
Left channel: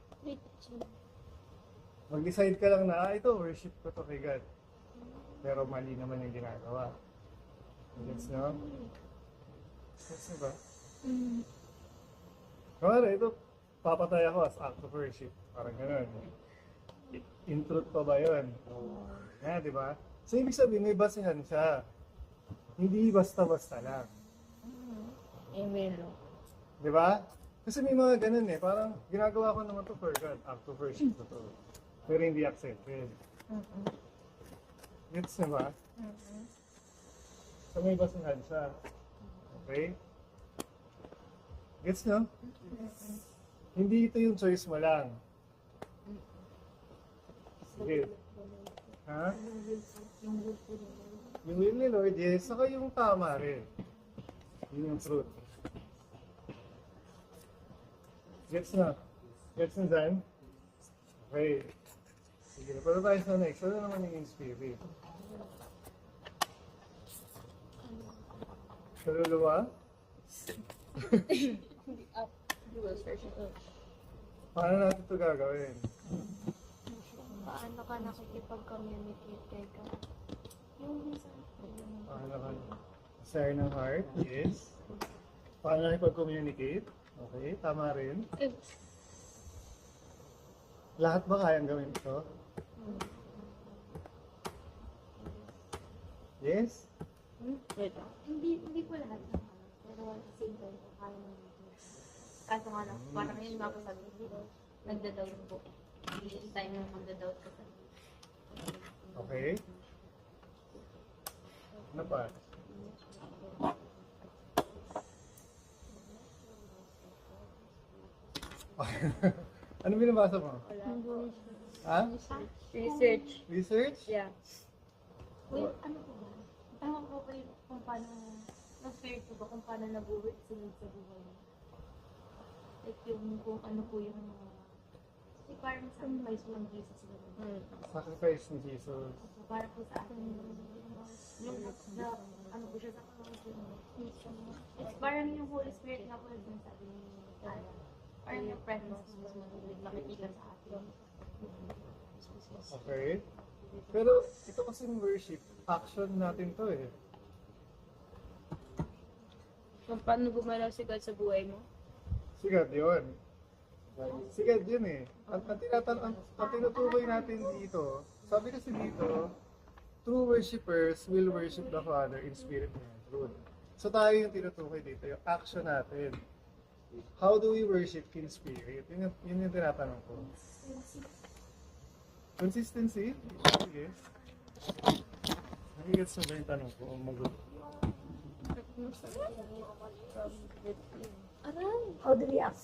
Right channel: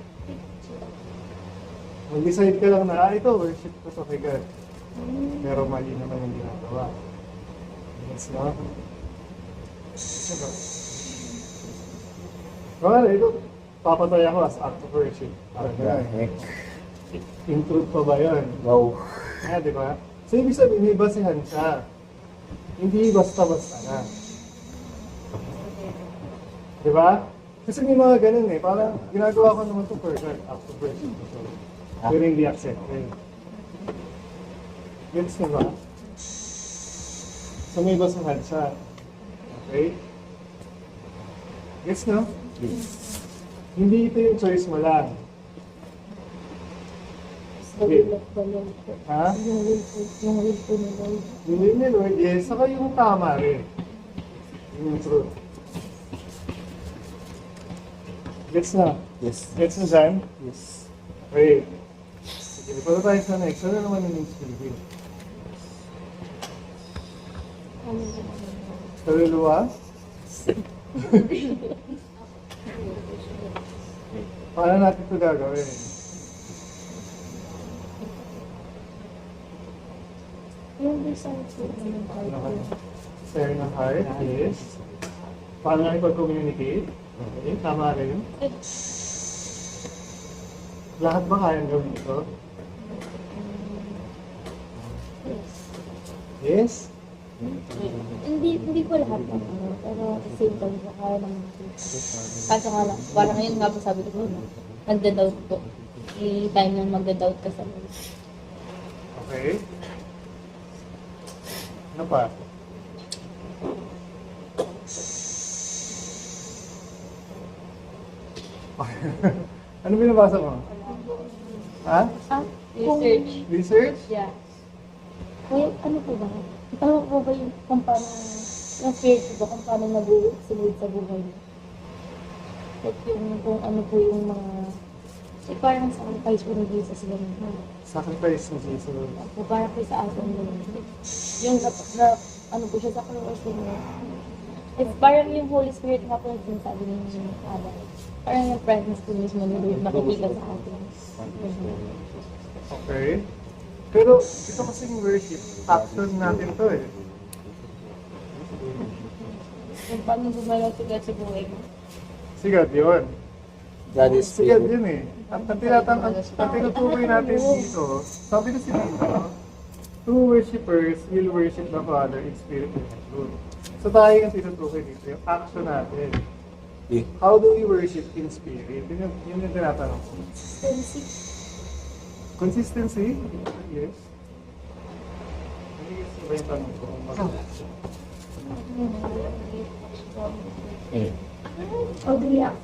mag-decide ka lang na, ito, worship ko to kay God. Pero mali naman yung ginagawa. Yes, no? Diba? Kunwari, ito, papatay ako as act of worship. Parang gano'n. In truth pa ba yun? Wow. Di ba? So, ibig sabihin, may basihan siya. Hindi basta-basta na. Di ba? Kasi may mga ganun eh. Parang ginagawa ko naman ito for God, act of worship ko to. Pero hindi accepted. Gets niyo ba? So, may basihan siya. Okay? Gets no? Hindi ito yung choice mo lang. Sa will of the Lord po. Ha? Yung will po ni Lord. Yung will ni Lord, yes. Saka yung tama rin. Yung truth. Gets na? Yes. Gets na dyan? Yes. Okay. Sige, punta tayo sa next. Ano naman yung spirit? Kaluluwa? Paano natin ito gagawin? Yung design po. Share ng heart is paano nga ipag-communicate? Okay, tama rin. Lahat ba kayang gawin ito? Yes? Hindi ko lahat ng pero same time ko kaya naman. Kaso nga lang, parang ngayon nga po sabi ko, nagda-doubt po. May time nang magda-doubt ka sa Okay. Ano pa? Ano binabasa mo? Ha? research. Research? Yeah. Kaya ano po ba? Ito po ba yung kung paano, yung spirit ko kung paano nag-sunod sa buhay mo? Like yung kung ano po yung mga, like parang sacrifice po ng Jesus ganun. Sacrifice ni Jesus. Po para po sa atin ganun. Yung ano po siya sa cross niya. It's parang yung Holy Spirit nga po yung sabi ni Adam. Parang yung presence po mismo ni Lord makikita sa atin. Okay. Pero ito kasing worship, action natin to eh. Kung paano gumalaw si God sa buhay mo. Si God yun. God is Si God spirit. yun eh. At ang tinutukoy natin dito, sabi kasi dito, true worshippers will worship the Father in spirit and in truth. So tayo yung tinutukoy dito, yung action natin. Yeah. How do we worship in spirit? Yun yung tinatanong ko. Consistency? Yes. Nagigits mo ba yung tanong ko? How do we act?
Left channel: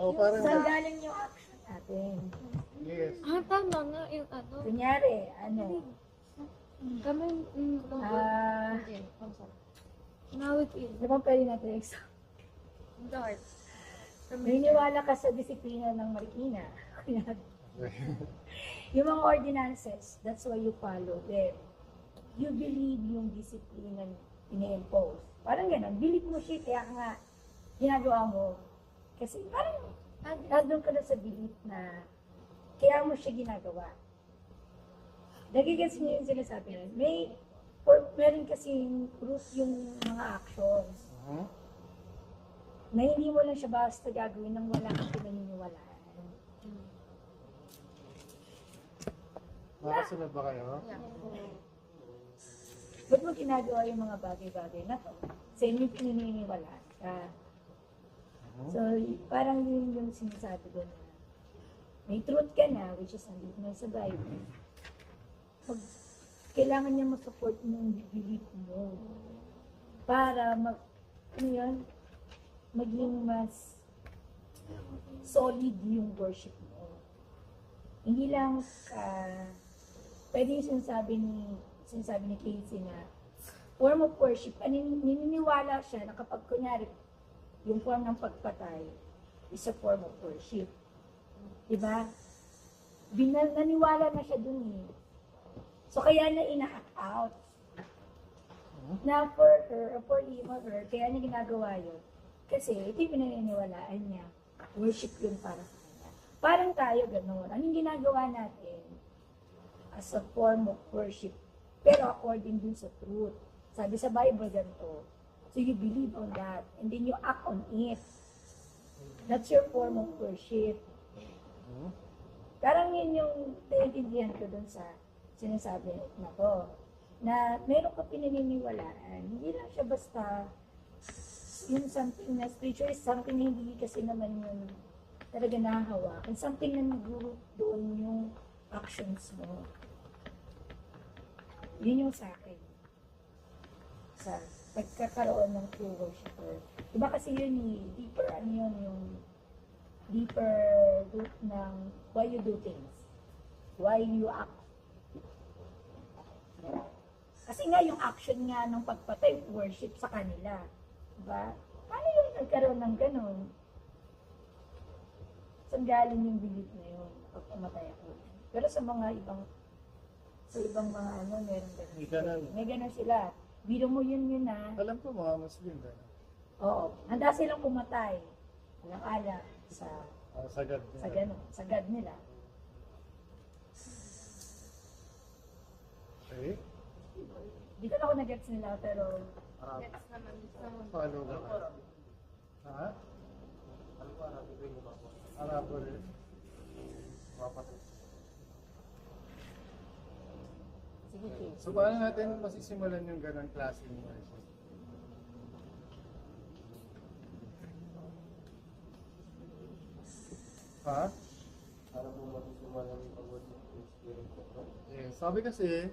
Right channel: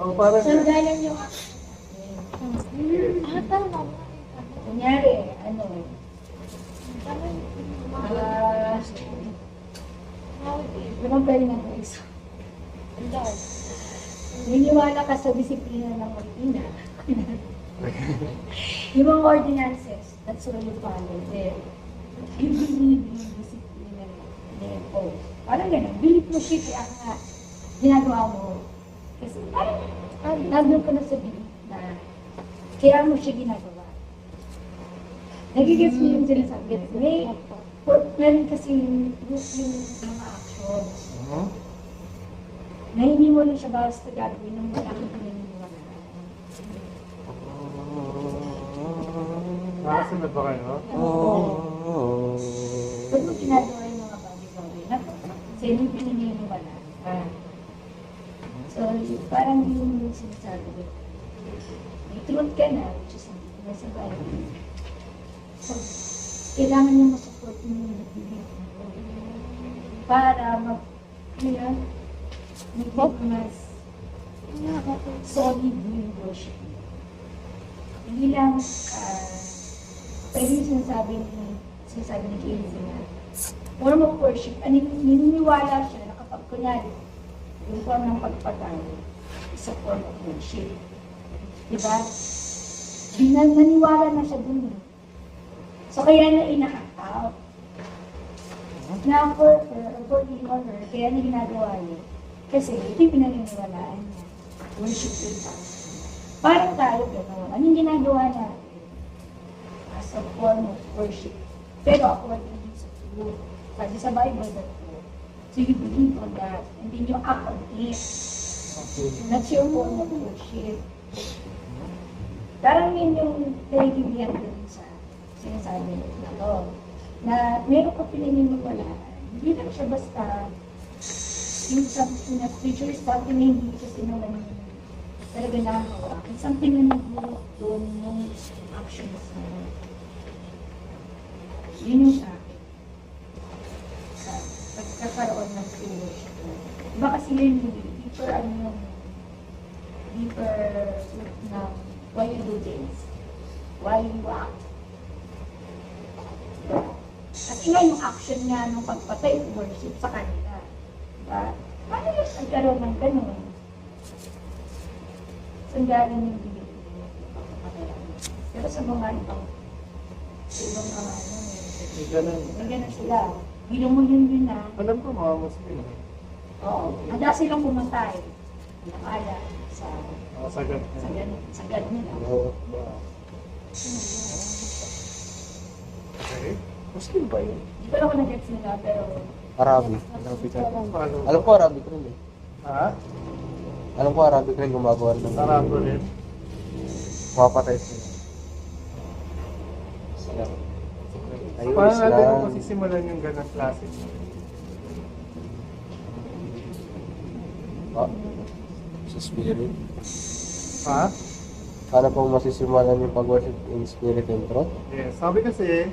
Oh, parang... Saan galing yung action natin? Yes. Kunyari, ano, compare na po isa. Niniwala ka sa disiplina ng Marikina. Yung mga ordinances, that's all you follow there. You believe in discipline na impose. Parang ganun, believe mo siya, kaya nga ginagawa mo. Kasi parang nandun ka na sa belief na kaya mo siya ginagawa. Nagigets mo yung sinasabi. Meron kasi proof yung mga actions. Na hindi mo lang siya basta gagawin ng mga naniniwalaan. Nakasunod ba kayo? Ba't mo ginagawa yung mga bagay-bagay na sa inyo pinaniniwalaan? So, parang yung sinasabi ko, may truth ka na, which is hindi na sa Bible. So, kailangan niyo masupport mo yung belief mo. Para maging mas solid yung worship mo. Hindi lang, pwede yung sinasabi ni Casey na form of worship, naniniwala siya na kapag kunyari, yung form ng pagpatay is a form of worship. Diba? Naniwala na siya dun eh. So kaya na ina-act out. Na for her, for him or her, kaya niya ginagawa yun. Kasi ito yung pinaniniwalaan niya. Worship yun para sa kanya. Parang tayo gano'n. Anong ginagawa natin? As a form of worship. Pero according din sa truth. Sabi sa Bible na to. So you believe on that. And then you act on it. That's your form of worship. Parang yun yung naiintindihan ko rin sa sinasabi na to. Na meron ka pinaniniwalaan. Hindi lang siya basta yung something na spiritual is something na hindi kasi naman yung talaga nakawa. It's something na nag-move doon yung actions mo. Yun yung sa akin. Sa pagkakaroon ng true worship. Diba kasi yun yung deeper ng why you do things. Why you act. Diba? Kasi nga yung action nga ng pagpatay worship sa kanila. Diba? Paano yung nagkaroon ng ganun? Saan galing yung ibig mo? Pero sa mga ibang mga ano, May ganun. may ganun sila. Bilong mo yun na. Alam ko mga Muslim. Oo. Handa silang pumatay. Nakala. sa Sagad na. sagad nila. Okay. Muslim ba yun? Hindi ko lang ako nag-gets nila, pero Arabic. Paano? Alam ko Arabic rin eh. Ha? Alam ko Arabic rin gumagawa ng Sarado rin. mapatay sila. So, paano natin kung masisimulan yung ganang klase mo? Ah, sa spirit. Ha? Paano pong masisimulan yung pag-worship in spirit and truth? Yes. Sabi kasi,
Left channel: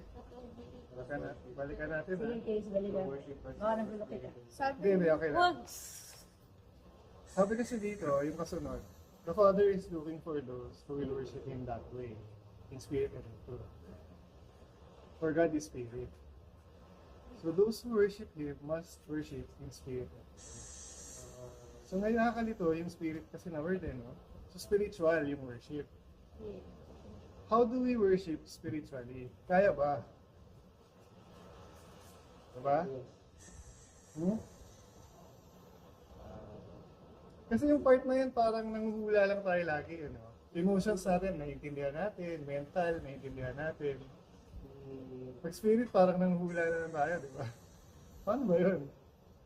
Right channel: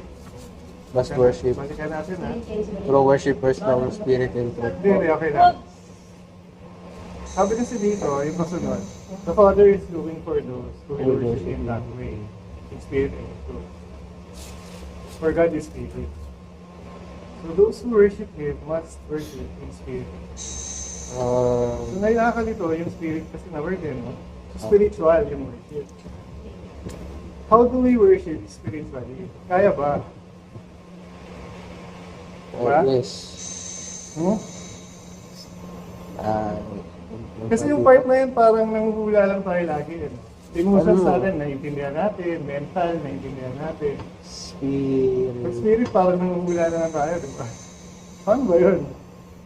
Mas worship. balikan natin ha. True worshippers ng spirit and truth. Hindi, okay lang. Sabi kasi dito, yung kasunod, the Father is looking for those who will worship Him that way, in spirit and in truth. For God is spirit. So those who worship Him must worship in spirit. So ngayon nakakalito yung spirit kasi na word eh, no? So spiritual yung worship. How do we worship spiritually? Kaya ba? Diba? Yes. Hmm? Ah, Kasi yung part na yun, parang nanguhula lang tayo lagi. Eh. Emotions Ano? natin, naiintindihan natin. Mental, naiintindihan natin. Pag spirit. spirit, parang nanguhula na lang tayo, di ba? Paano ba yun?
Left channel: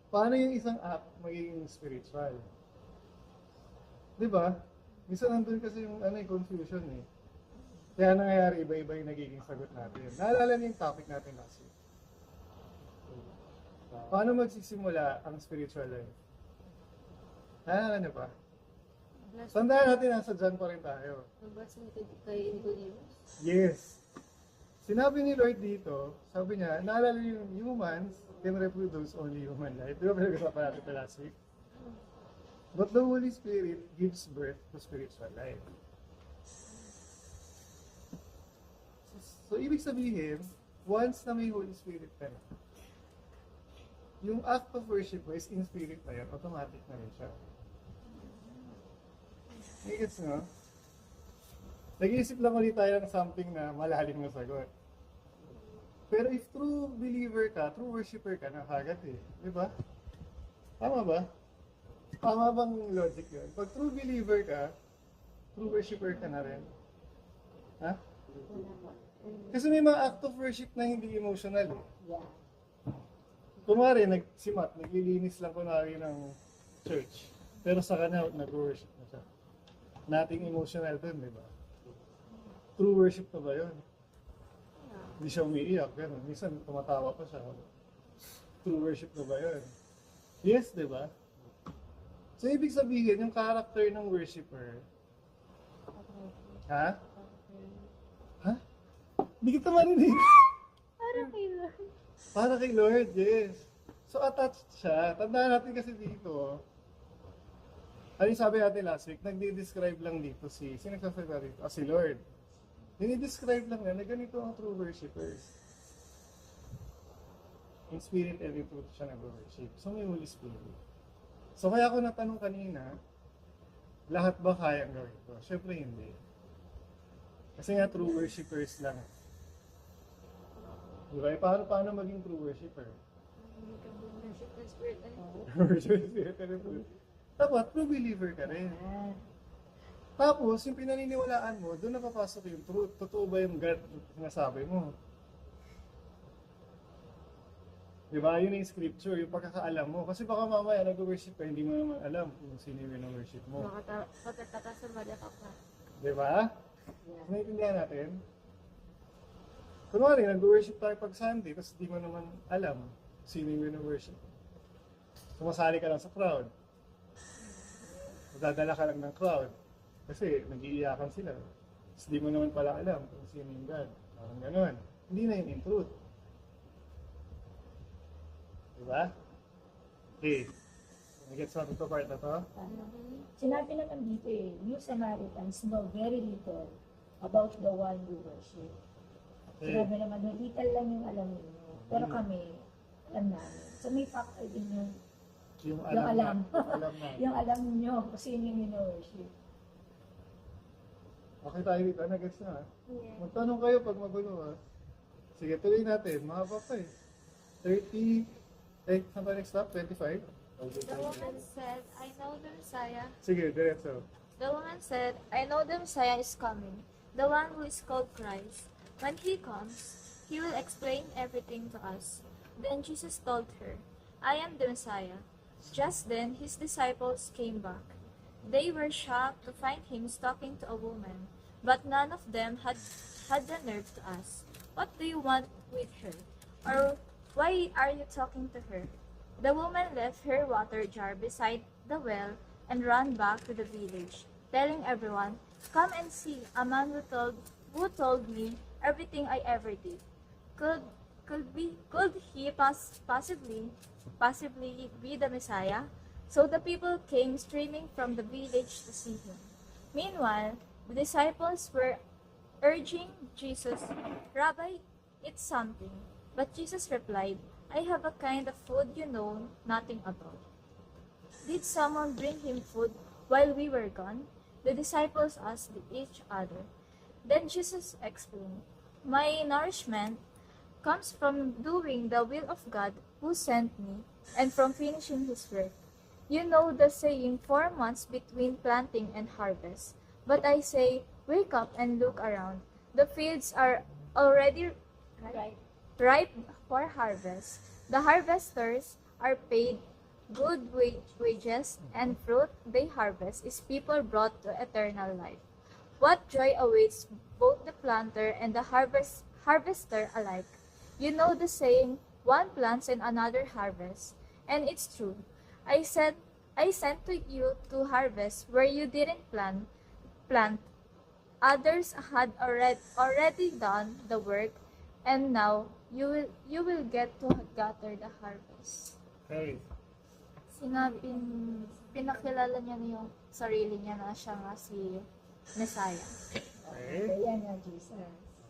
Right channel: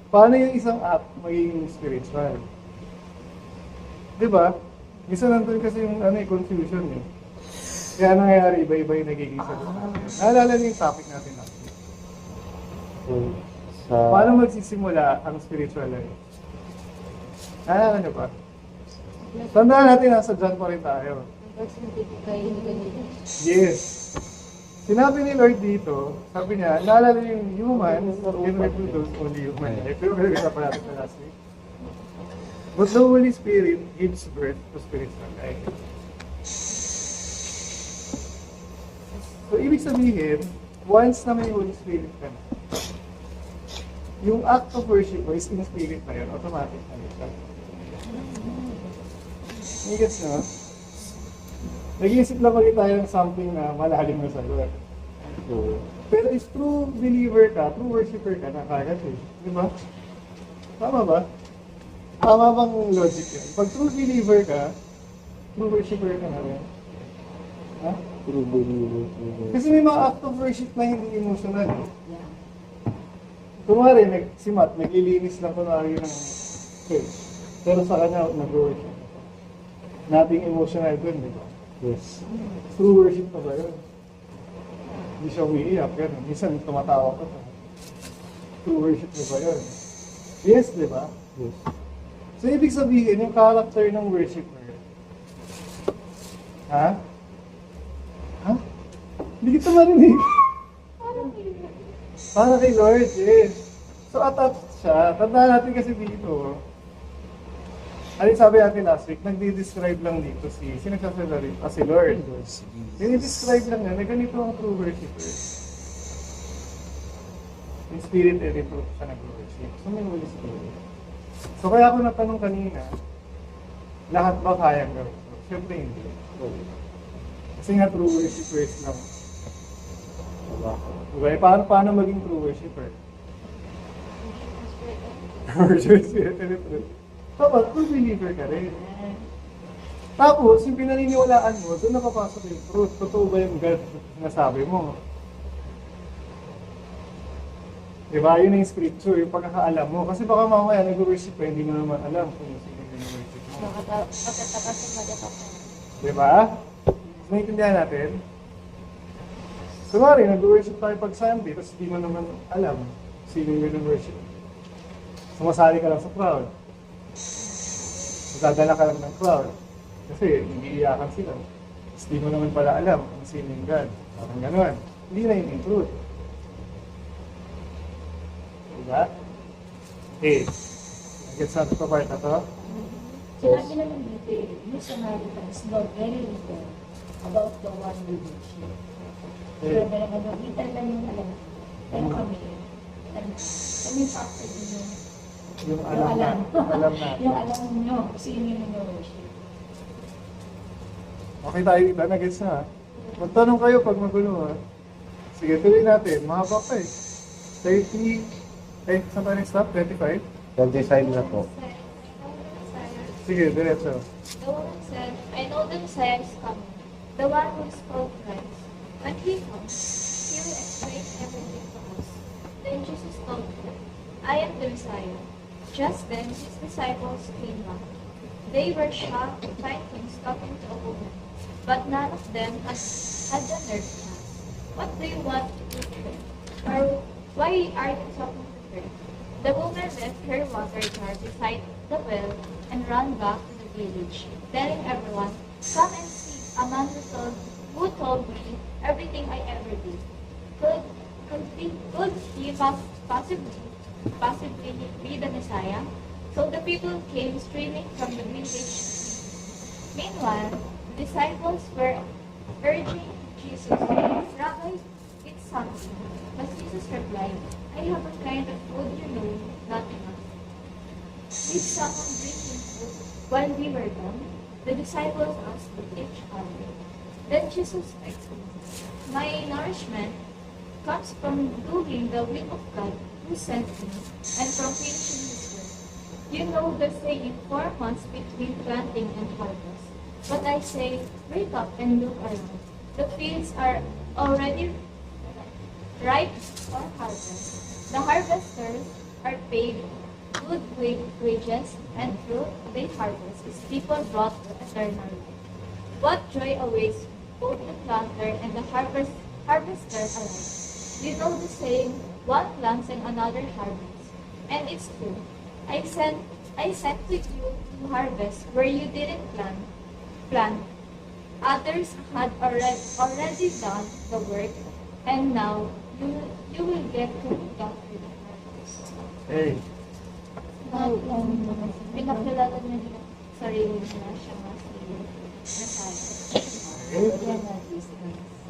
Paano yung isang act magiging spiritual? Di ba? Minsan nandun kasi yung confusion eh. Kaya nangyayari, iba-iba yung nagiging sagot natin. Naalala niyo yung topic natin natin. Sa Paano magsisimula ang spiritual life? Naalala niyo ba? Tandaan natin, nasa John pa rin tayo. Yes. Sinabi ni Lord dito, sabi niya, naalala yung humans can reproduce only human life. Pero kasi pa natin na last week. But the Holy Spirit gives birth to spiritual life. So, ibig sabihin, once na may Holy Spirit ka na, yung act of worship mo is in spirit na yun, automatic na yun siya. Gets nyo? Nag-iisip lang ulit tayo ng something na malalim na sagot. Pero if true believer ka, true worshiper ka na kagad eh. Di ba? Tama ba? Tama bang logic yun? Pag true believer ka, true worshiper ka na rin. Ha? true believer. Kasi may mga act of worship na hindi emotional. Kunwari, si Matt, naglilinis lang kunwari ng church. Pero sa kanya, nag-worship. Nothing emotional dun, di ba? Yes. True worship pa ba yun? Hindi siya umiiyak, gano'n. Minsan tumatawa pa siya. True worship na ba yun? Yes, di ba? Yes. So, ibig sabihin, yung character ng worshiper. Ha? Ha? Hindi kita marinig. Para kay Lord, yes. So, attached siya. Tandaan natin kasi dito. Ano yung sabi natin last week? Nagdi-describe lang dito sino nagsasalita rin? Si Lord. Dini-describe lang na ganito ang true worshiper. In spirit and in truth siya nag-worship. So, may Holy Spirit. So, kaya ako natanong kanina, lahat ba kayang gawin? So, syempre hindi. Kasi nga true worshippers lang. Diba? Paano maging true worshiper? Worship spirit and in truth. Tama, true believer ka rin. Tapos, yung pinaniniwalaan mo, doon nakapasok yung truth. Totoo ba yung God na sabi mo? Diba? Yun yung scripture, yung pagkakaalam mo. Kasi baka mamaya nag-worship ka, hindi mo naman alam kung sino yung worship mo. Diba? Naintindihan natin? Kunwari, nag-worship tayo pag Sunday, tapos hindi mo naman alam sino yung worship. Sumasali ka lang sa crowd. Magdadala ka lang ng crowd. Kasi hindi iyakan sila. Tapos di mo naman pala alam kung sino yung God. Parang gano'n. Hindi na yun yung truth. Diba? Okay. Nag-gets natin pa part na to? Sinabi naman dito eh, yung Samaritans know very little about the one we worship. Sabi na little lang yung alam. Pero kami, kami factor din Yung yung alam alam. natin. Yung alam nyo, kung sino yung worship. Okay tayo dito. Nag-gets na ha? Magtanong kayo pag magulo ha? Sige, tuloy natin. Mahaba pa eh. 30, saan tayo nag-stop? 25? 25 na po. Sige, diretso. The woman said, I know the Messiah is coming, the one who is called Christ. When he comes, he will explain everything to us. Then Jesus told her, I am the Messiah. Just then his disciples came back. They were shocked to find him talking to a woman, but none of them had the nerve to ask, what do you want with her? Or why are you talking to her? The woman left her water jar beside the well and ran back to the village, telling everyone, come and see a man who told me everything I ever did. Could he possibly be the Messiah? So the people came streaming from the village to see him. Meanwhile, the disciples were urging Jesus, Rabbi, eat something. But Jesus replied, I have a kind of food you know nothing of. Did someone bring him food while we were gone? The disciples asked each other. Then Jesus explained, my nourishment comes from doing the will of God who sent me and from finishing his work. You know the saying, 4 months between planting and harvest. But I say, wake up and look around. The fields are already ripe for harvest. The harvesters are paid good wages, and fruit they harvest is people brought to eternal life. What joy awaits both the planter and the harvester alike. You know the saying, one plants and another harvests. And it's true. I sent to you to harvest where you didn't plant. Others had already done the work, and now you will get to gather the harvest. Hey, Pinakilala niya yung sarili niya na siya nga si Messiah.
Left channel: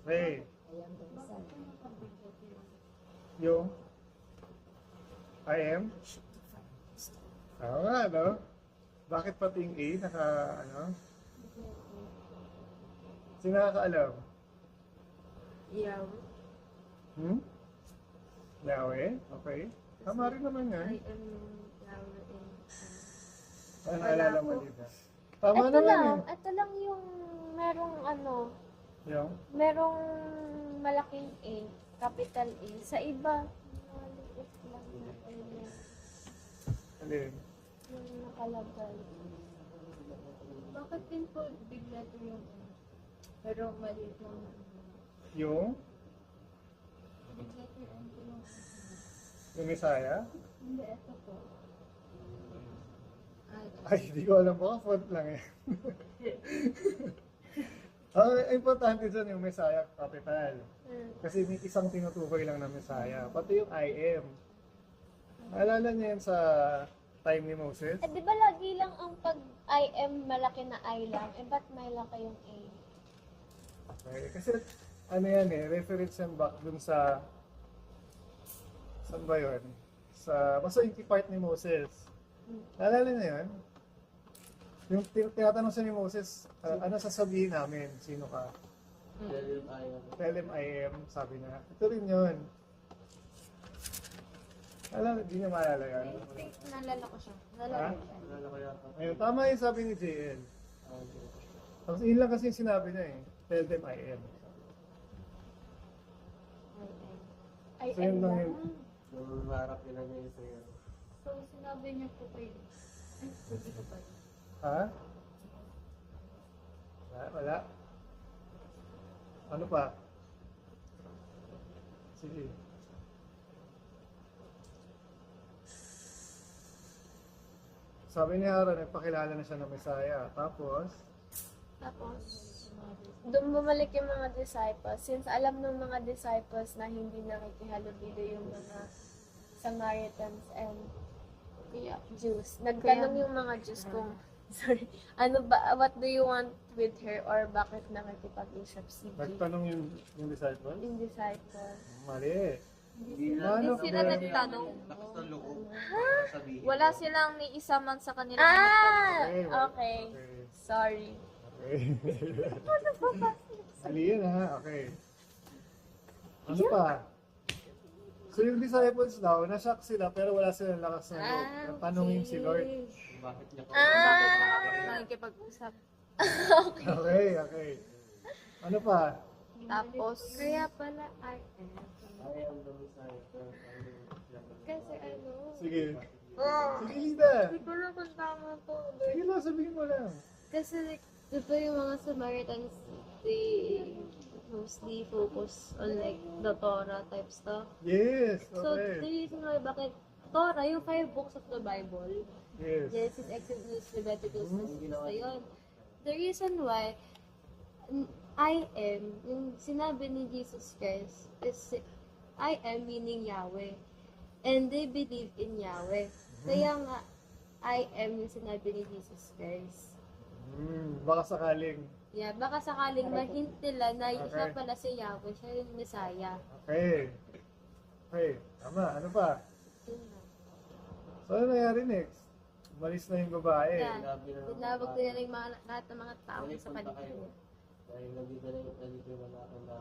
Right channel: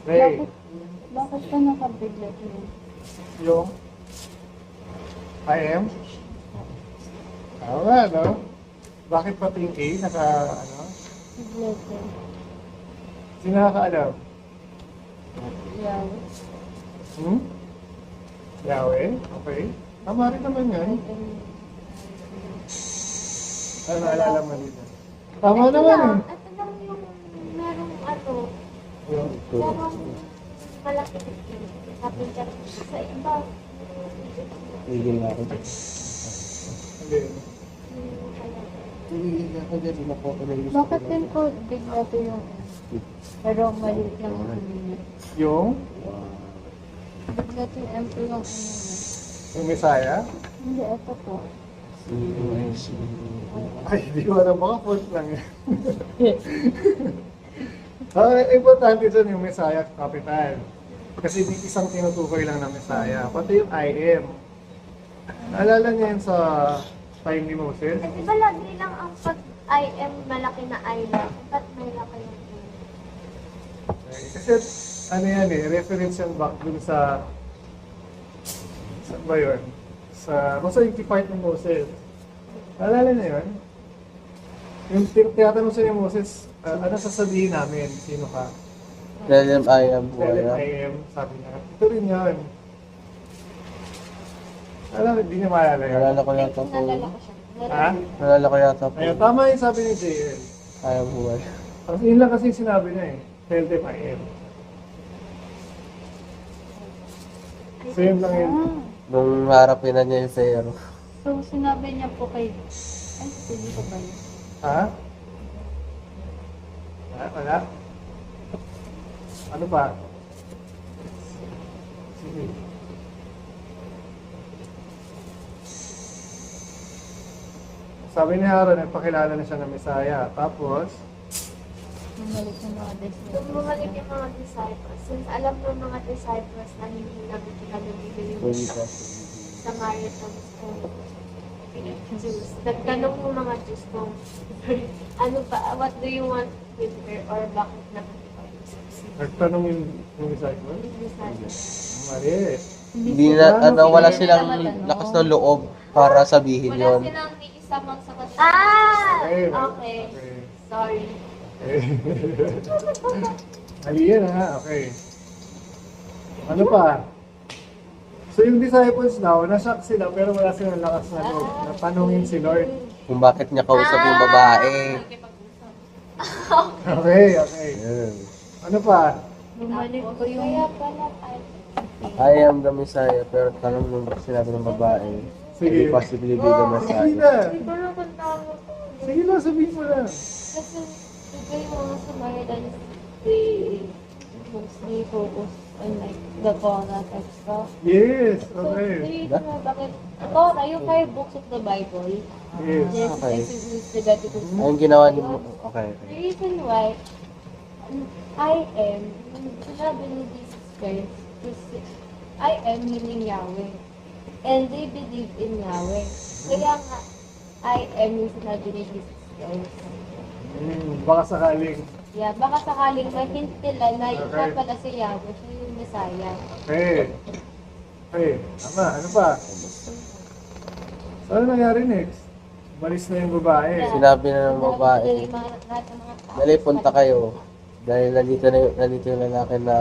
Ray, Bakit ka nakabiglat yun? yung I am? Tama, no? Bakit pati yung A naka, ano? Letter. Sino nakakaalam? Yeah. Hmm? Yahweh? Okay. Tama rin naman yan. Ano naalala mo dito? Tama naman. Ito lang yung merong Yung, merong malaking A, capital A. Sa iba, Tigil na ako. hindi. Tigil na ako dyan. Hindi ko na yung Bakit din po bigla to yung pero maliit lang ang ano niya. Yung? Bigla to yung empty yung ano niya. Yung Messiah? Hindi, ito po. Ay, di ko alam. Baka font lang yan. Ang importante dyan yung Messiah capital. Kasi di isang tinutukoy lang ng Messiah. Pati yung I am. Naalala niya yan sa time ni Moses? di ba lagi lang ang pag I am malaki na I lang? Ba't may laki yung A? Kasi ano yan eh, reference yan back dun sa saan ba yun? Basta yung part ni Moses. Naalala niya yun? Yung tinatanong siya ni Moses, ano sasabihin namin? Sino ka? Tell them I am who Tell him I I am. am, sabi niya. Ito rin yun. Alam, hindi niya maalala yun. Nalala ko yata po. Nalala ko siya. Ha? Nalala ko yata po. Ayun, tama yung sabi ni JL. I am who I am. Ang yun lang kasi yung sinabi niya eh. Tell them I am. So yun lang yun. Nung harapin na niya yung zero. So, sinabi niya po kay... Ay, hindi ko ba yun? Ha? Wala? Ano pa? Sige. Sabi ni Aaron, nagpakilala na siya ng Messiah. Tapos, Bumalik yung mga disciples. Nung bumalik yung mga disciples, since alam ng mga disciples na hindi lang kinalubilo yung Samaritans and Jews, nagtanong yung mga Jews kung, what do you want with her or bakit nakakipag-usap siya? nagtanong yung disciple. Yung disciples. Mali. Hindi na, wala silang lakas ng loob para sabihin Wala yun. silang ni isa man sa kanila. Okay. Okay. Sorry. Mali yan ha, okay. Ano pa? So yung disciples daw, nashock sila pero wala silang lakas na loob na tanungin si Lord. kung bakit niya kausap yung babae. Nakikipag-usap. Okay, okay. Yun. Ano pa? Bumalik Tapos, po yung kaya pala tayo. I am the Messiah, pero tanong nung sinabi ng babae, Sige. hindi possibly be the Sige Messiah. na. Hindi ko na kung tawag ko. Sige na, sabihin mo na. Kasi diba yung mga Samaritans, they mostly focus on like the Torah type stuff. Yes, So, the okay. reason why bakit Torah, yung 5 books of the Bible, Yes. Genesis, Okay. Exodus, Leviticus, Ayun ginawa niyo. Okay. the reason why I am, yung sinabi ni Jesus Christ, kasi I am meaning Yahweh. And they believe in Yahweh. Kaya nga, I am yung sinabi ni Jesus Christ. Baka sakaling. Yeah, baka sakaling ma-hint nila na yung Okay. nga pala si Yahweh, siya yung Messiah. Okay. Okay, tama. Ano pa? So, ano nangyari next? Umalis na yung babae. Sinabi na ng babae, Sinabi nila yung lahat ng mga tao. dali punta kayo. Dahil nandito yung lalaki na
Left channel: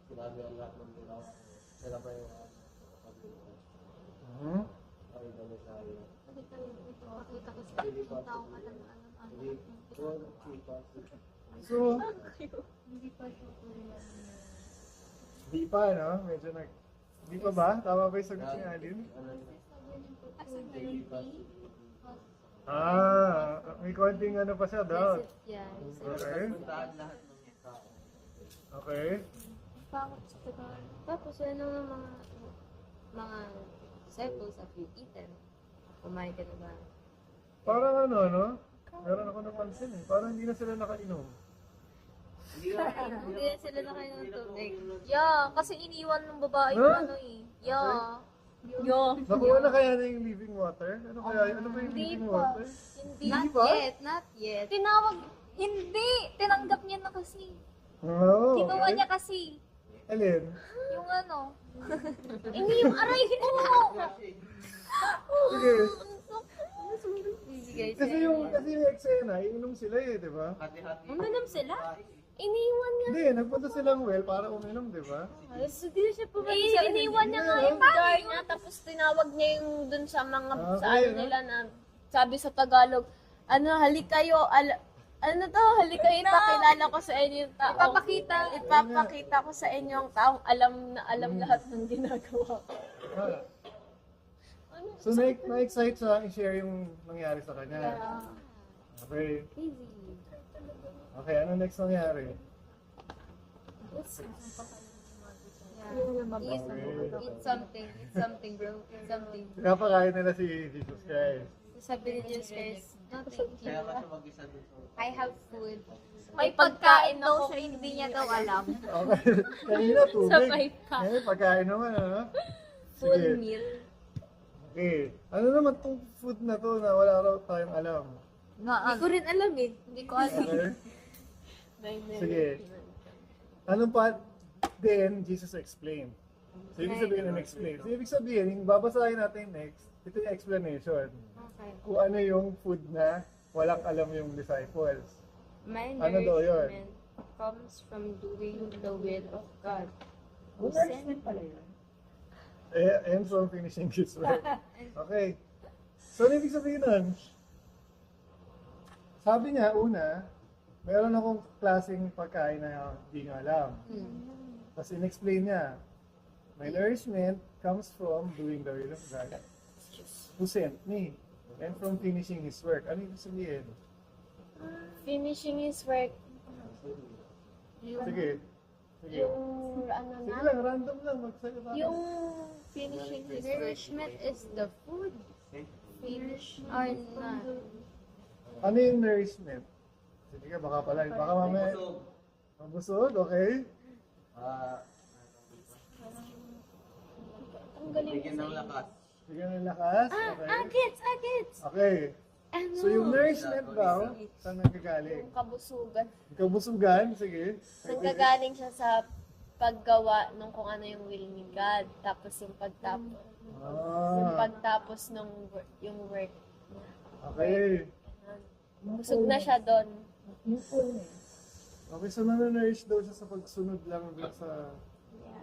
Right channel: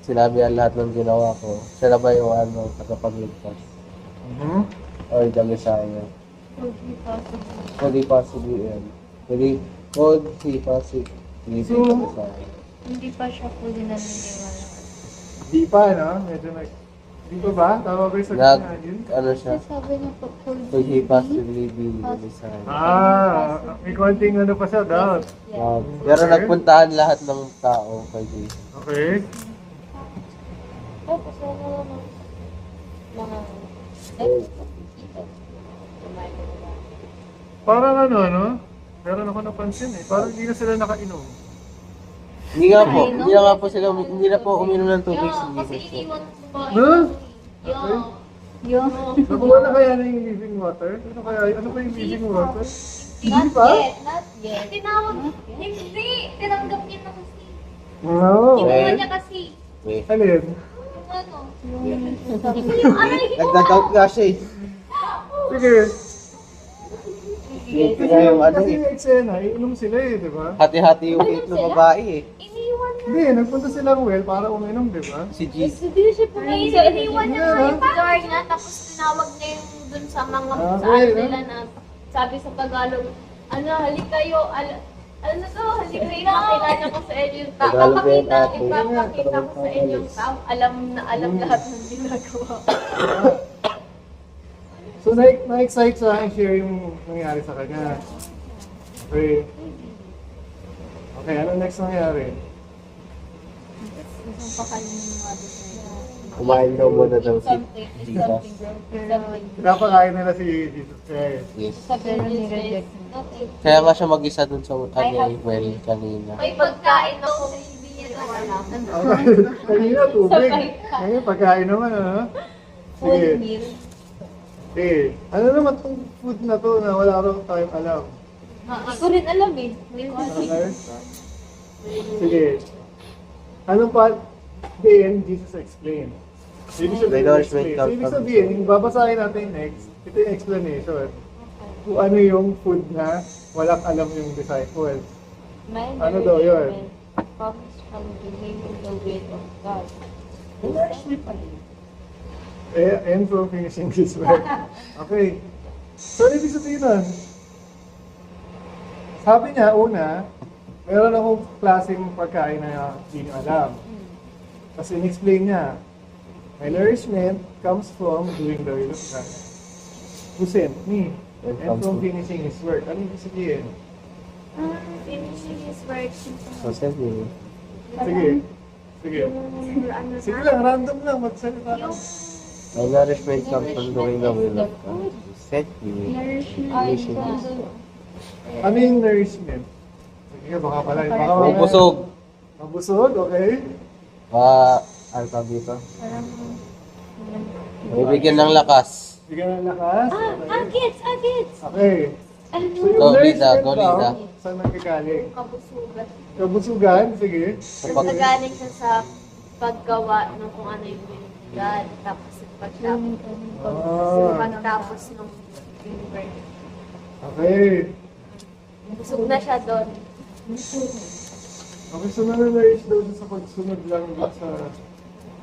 sinabi ang lahat ng ginawa ko. Siya na ba yung tagapagligtas? Mhm. Or the Messiah? Could be possible. Could he possibly be? Could he possibly be the Messiah? hindi pa siya fully naniniwala. Di pa, no? Medyo nag... Di pa ba? Tama ba yung sagot Nag, niya yun? ano siya? Sabi niya po, Could he possibly be the Messiah? May konting ano pa siya, doubt. Pero nagpuntahan lahat ng tao kay Jesus. Okay. tapos ano naman, mga Parang ano, no? Meron ako napansin eh. Parang hindi na sila nakainom. Hindi nga po, hindi na nga po sila, hindi na po uminom ng tubig. Yeah, kasi Jesus po. iniwan ng babae Huh? na Nakuha na kaya na yung living water? Ano kaya? Ano pa yung living water? Hindi Not pa? yet, not yet. Tinawag, hindi, tinanggap niya na kasi. No. Kinuha niya kasi. Wait. Alin? Yung ano, hindi yung aray. Nagdadoubt nga siya eh. Sige. Sige Kasi nga yung ano kasi eh. yung eksena, iinom sila eh, di ba? Hati-hati yung cake ng babae eh. Iniwan niya. Hindi, nagpunta silang well para uminom, di ba? Si Jesus. Iniwan niya nga yung jar niya, tapos tinawag niya yung dun sa mga, sa ano nila na, sabi sa Tagalog, ano, halik kayo, ano to, halik kayo, ipakilala ko sa inyo yung tao. Tagalog ba yung ate? Ipapakita ko sa inyo yung tao, alam na alam lahat ng ginagawa. So, na-excite siya i-share yung nangyari sa kanya. Okay. Okay, ano next nangyari? Kumain daw muna daw si Jesus. Pinapakain nila si Jesus Christ. Yes. sabi ni Kaya nga siya mag-isa dun sa kanya well kanina. May pagkain na kung hindi niya gawa na. Kanina, tubig. Ngayon, pagkain naman, ano? Sige. Eh, ano naman itong food na to na wala raw tayong alam? Hindi ko rin alam eh. Okay? Sige. Anong pa? Then, Jesus explained. Ibig sabihin, Acknowledgement explain. So, comes ibig from- sabihin, yung babasahin natin next, ito yung explanation. Kung ano yung food na walang alam yung disciples. My Ano daw yun? nourishment comes from doing the will of God. And from finishing this work. Okay. So, ibig sabihin nun, sabi niya, una, meron akong klaseng pagkain na hindi niyo alam. Tapos in-explain niya, my nourishment comes from doing the will of God. Who sent me? And from finishing His work. Ano ibig sabihin? Finishing his work. So, sabi, Sige. Sige. Sige lang, random lang, magsalita lang. my nourishment comes from doing the will of God. Set me. Ano yung nourishment? Sige, baka pala. Baka mamaya- Mabusog. Mabusog, okay. Ano tawag dito? Bibigyan ng lakas. Bigyan ng lakas. Agits! Okay. So yung Go, Lida, nourishment go, daw, Lida. saan nagkakaling? Kabusugan. Kabusugan, sige. Nagaling siya sa paggawa ng kung ano yung will ni God. Tapos yung pagtapos ng yung work. Okay. Busog na siya doon. Okay, so nanonourish daw siya sa pagsunod lang dun sa God.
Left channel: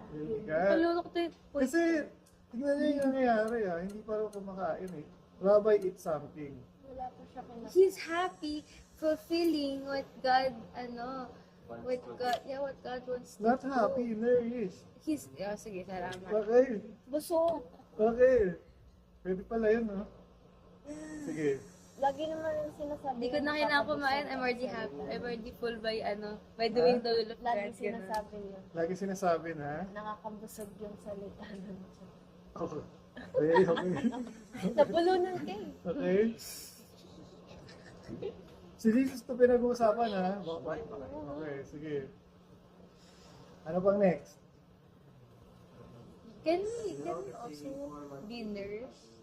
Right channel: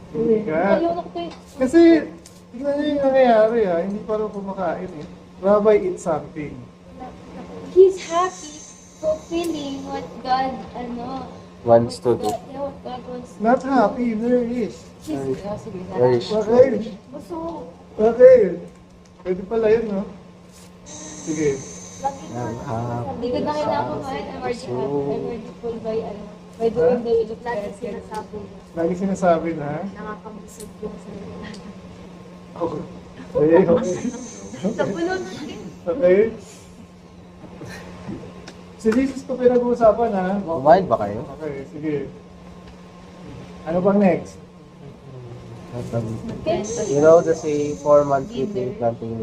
Malulok to Kasi, tignan niyo yung nangyayari hindi pa rin kumakain eh. Rabbi, eat something. he's happy fulfilling what God, Wants to do. what God wants. Not happy, very rich. Sige. Very Okay. Busog. Okay. Pwede pala yun, no? Sige. Lagi ko Hindi ko na kailangan kumain. I'm already happy. I'm already full by doing the will of God. lagi sinasabi na Lagi sinasabi na. nakakabusog yung salita. Okay. Okay. Sa bulunan din. Okay. Si Jesus pa pinag-uusapan, ha? Kumain ba kayo? Okay, sige. Ano bang next? You know the say 4 months between planting.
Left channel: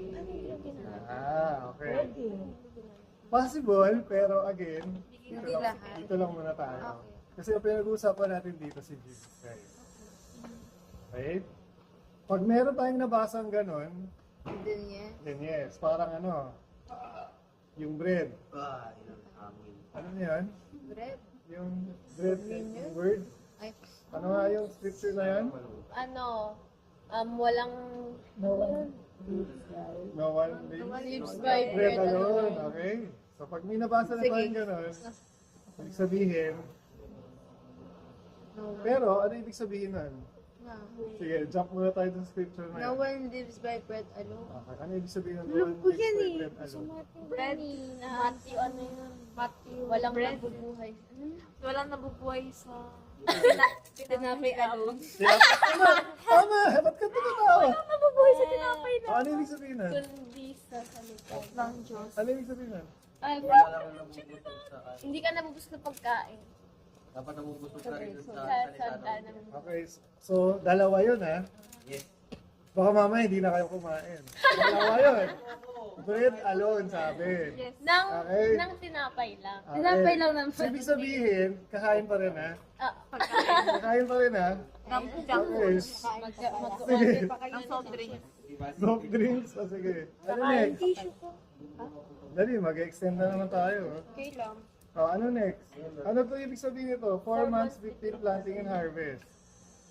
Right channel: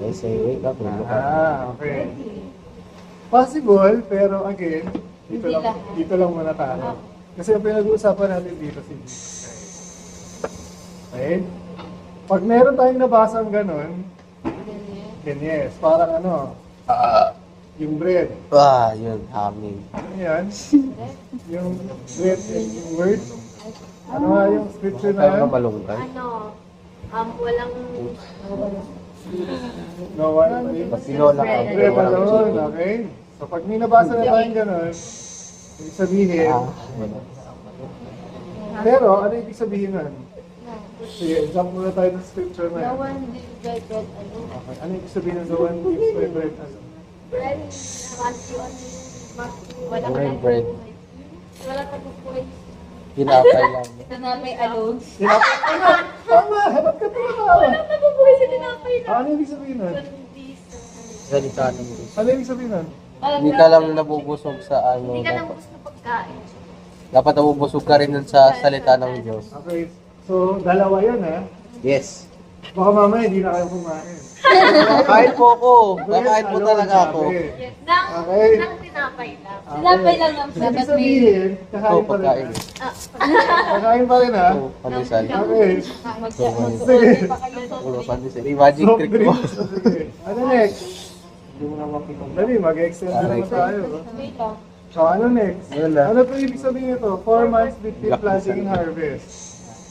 I say wake up and look up. Okay. Possible, pero again, dito lang muna tayo. Kasi ang pinag-uusapan natin dito si Jesus. Okay? Pag meron tayong nabasang ganun, ganyan, parang yung bread. Yun, humming. Ano yan? Yung bread and yung word. Ano nga yung scripture na Kaya yan? ka malungkot. Walang No one. Pag tinola ka, Bread alone, okay? So pag may nabasa na tayong ganun, ibig sabihin, pero ano ibig sabihin nun? Sige, jump muna tayo sa scripture na No yan. one lives by bread alone. Okay, ano ibig sabihin ng the one gives by bread alone? bread na walang Walang bread. Walang nabubuhay sa Tinapay lang. Ito na may alone. Tama! Ba't ka tama? nabubuhay sa tinapay na. Ano ibig sabihin nun? Kundi sa Salita ng Diyos. Ano ibig sabihin nun? Hindi ka lang nabubusog sa ano. Hindi ka nabubus na pagkain. Dapat nabubusog ka rin dun sa salita ng Diyos. Okay, so dalawa yun ha. Yes. Baka mamaya hindi na kayo kumain. Kakain po ako. Kakain po talaga ako. Okay. Nang, Okay. nang tinapay lang. Tinapay lang naman. Ibig Dapat may sabihin, Ito, kakain pa rin pagkain. ha. Kakain pa rin ha. Ito, pandesal. Okay. mag-solve pa kayo. Ito, pandesal. Imagine Soft trick mo. drinks. Okay. Ano next? Dali, mag-extend na naman tayo. Wait lang. So, ano next? Ano na? Ano po ibig sabihin ito? 4 months between planting and harvest.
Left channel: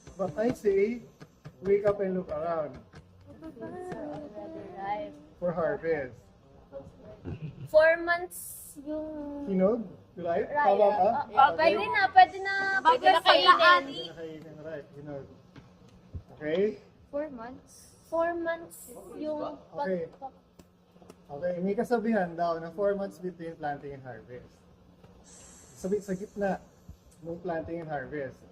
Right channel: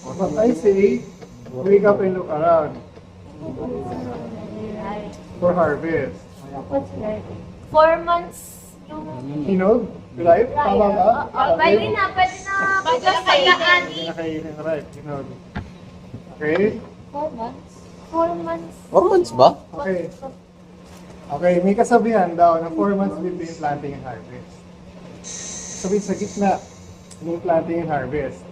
But I say, wake up and look around for harvest. 4 months yung Hinog? Right? Tama ba? pwede na bigas sa daan. Hindi na kainin, right? Hinog. Okay? 4 months. 4 months. 4 months ba? Okay. Okay, may kasabihan daw na 4 months between planting and harvest. Sabihin sa gitna ng planting and harvest.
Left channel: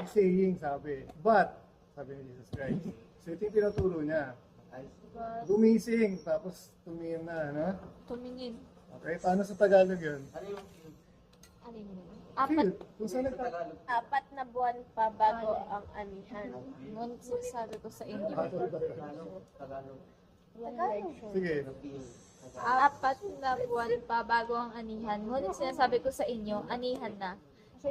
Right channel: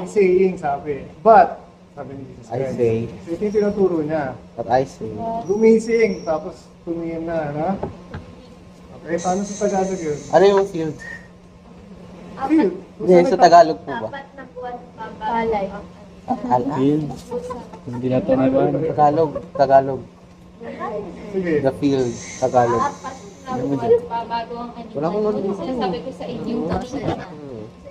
May saying sabi. But, sabi ni Jesus I Christ. say. So ito yung tinuturo niya. But I say. Gumising, tapos tumingin na, no? Okay, paano sa Tagalog yun? Ano yung field? Field. Hindi, sa Tagalog po ba? Apat na buwan pa bago ang Field? Hindi na taniman. Tagalog. Sige. The field. Tagalog. Apat na buwan pa bago ang Wala akong animal. Yung sinasabi ko sa inyo kanina.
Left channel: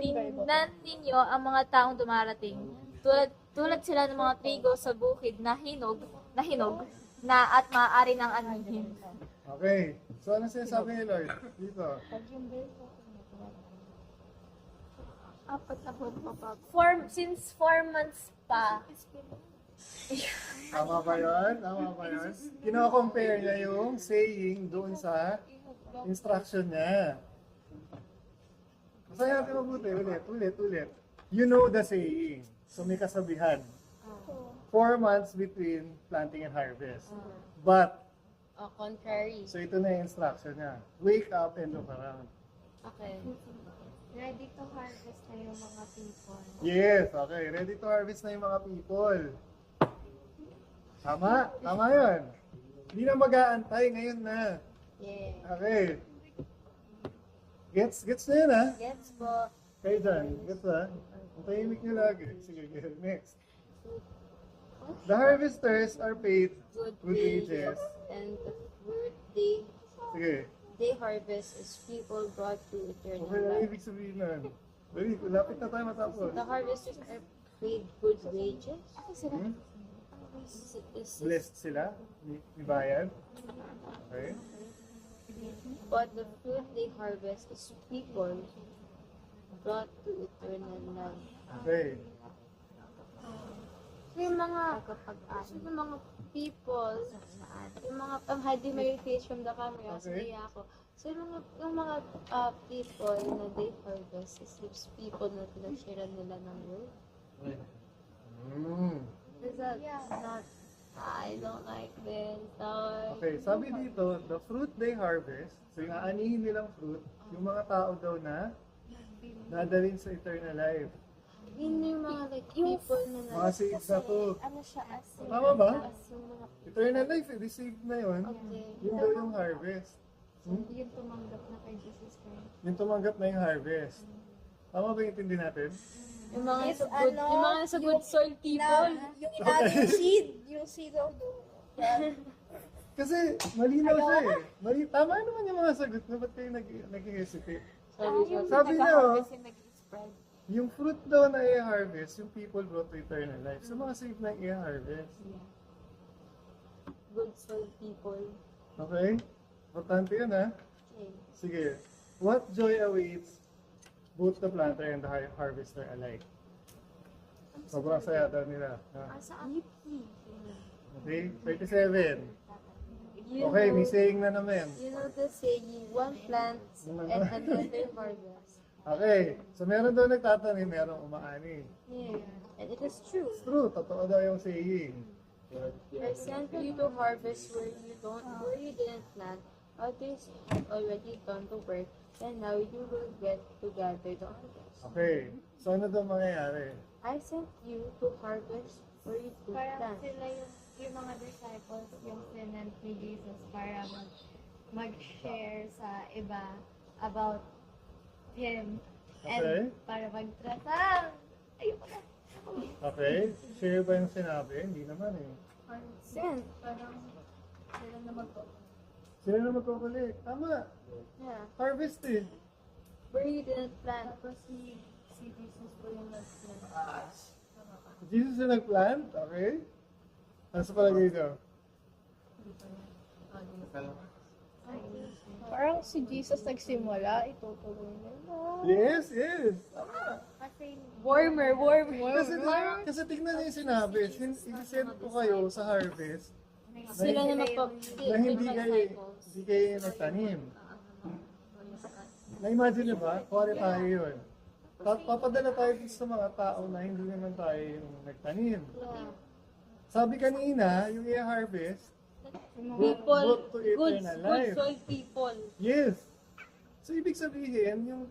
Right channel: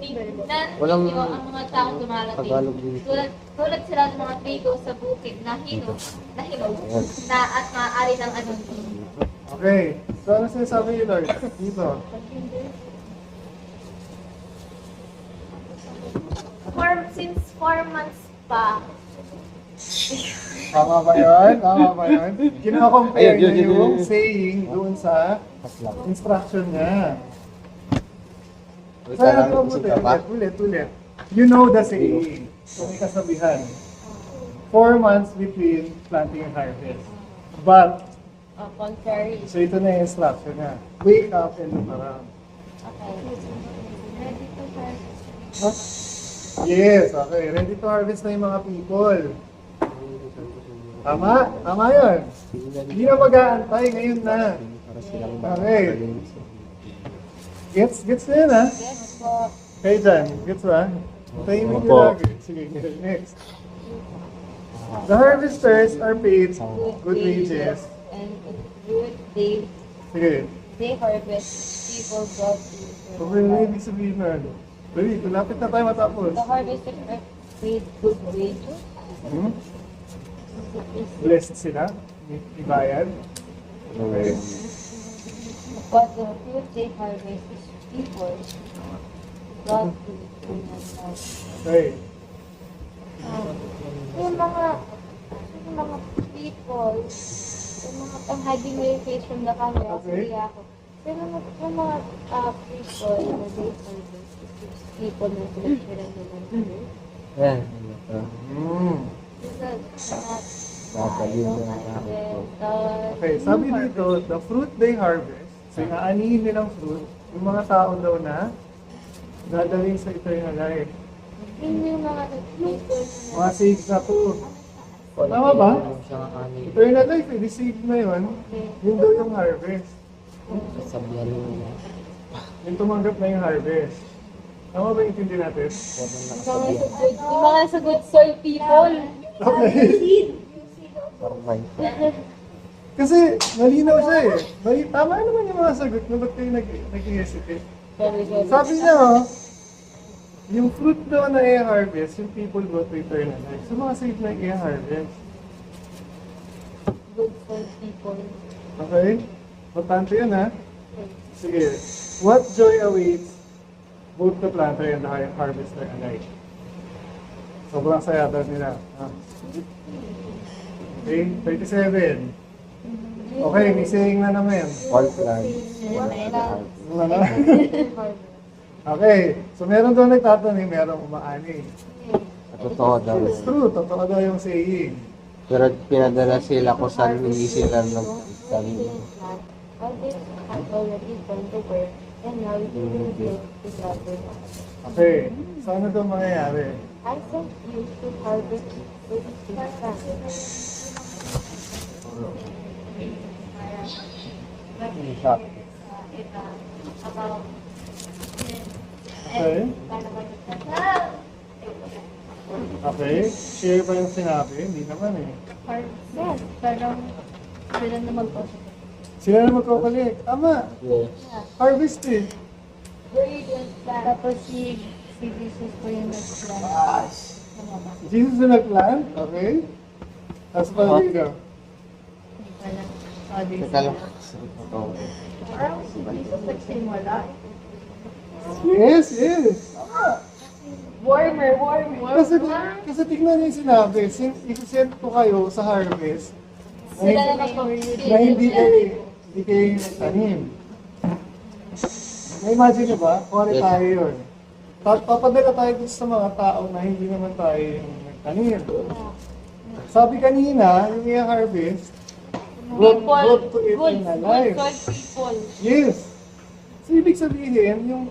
Tingnan Walang ninyo ang mga taong dumarating. Tagalog din. Tulad sila ng mga trigo sa bukid na hinog na at maaari ng anuhin. Okay. So ano sinasabi ni Lord? Dito. Since 4 months pa, Tama ba yun? Tama ba yun? Kino-compare Ayun, niya yun, yung yun. saying doon sa instruction niya. Wait So, lang, ano busog ka pa? ulit. You know the saying. So, may kasabihan. 4 months between planting and harvest. But, Contrary. so ito na yung instruction niya. Wake up and look around. Okay. Ready to harvest. Huh? Yes, okay. Ready to harvest na yung mga people. Tama? Tama yun. Hindi na mag-aantay, ngayon na. Okay. Gets na yun, ha? Yes po. Kayo dyan, gets ba? Tayo mo Opo. lagi. Sige, next. The harvesters are paid good wages. And good day, Sige. they harvest people brought to So, Israel. ano ibig sabihin nun? Dali, malapit na tayo matapos. The harvesters are paid good wages. Hmm? Blessed sila. Ibayan. Okay. But the food they harvest is people brought to the eternal house. Okay. yung mga people Yung mga pang-hiding mo yung face from the camera, Okay. sige ako. So yung mga people na they harvest is those people na pinag-share nila. Yan. Is that not, I Nakakaliw don't na like ako. it. Okay, sabi dito, the fruit they harvest, so inaanihin nilang fruit, yung mga tao daw na dadaling sa eternal life. Yun yung mga people na Mga saves na to. ano siya as Tama ba? Siyang ani. Eternal life, eh, receive na yun. Yun daw yung harvest. Sabihan mo na. Yung tumanggap na yung harvest. Tama ba yung intindi natin? yung mga sa good soil people. Parang may. Kasi malinaw siya eh. Tama naman yung mga sagot na ba't kayo nag-hesitate? Sabi niya, oh, yung fruit daw na i-harvest, yung people go to eternal life. So mga safe na i-harvest. Good soil people. Okay? Importante yun ha? Sige. What joy awaits both the planter and the harvester alike? Sobrang saya daw nila. Ah. Okay, 37. Okay, may saying na naman. All plan. Ano? Okay, so meron doon nagtatanong, merong umaani. Totoo daw. It's true, totoo daw yung saying. Pero pinadala sila kung saan hindi sila nagsabi. God is had already done the work, and now you will get together. Okay, so ano doon mangyayari? I sent you to harvest with your land. Okay? Okay, share ba yung sinabi? Hindi naman eh. Yes, pero sila na mag-post. Sila na magkakalik. Tama, Yes. harvest eh. Tapos si Jesus po yung nag-plan. Jesus na nag-plan, okay? Tapos pa dito. Hindi pa lang. Others. Teka lang. Totoo. Parang si Jesus nagsimula. Yes, yes. Tama. Warmer. Kasi tignan niyo yung sinabi, isisend ko kayo sa harvest Sila na mag-post. na hindi kayo nagtanim. Na-imagine nyo ba? Kuwari tayo yun. Papadala tayo dun sa mga tao na hindi naman tayo yung nagtanim. Sabi kanina, yung i-harvest, brought to eternal life. Good people. Yes. So, ibig sabihin,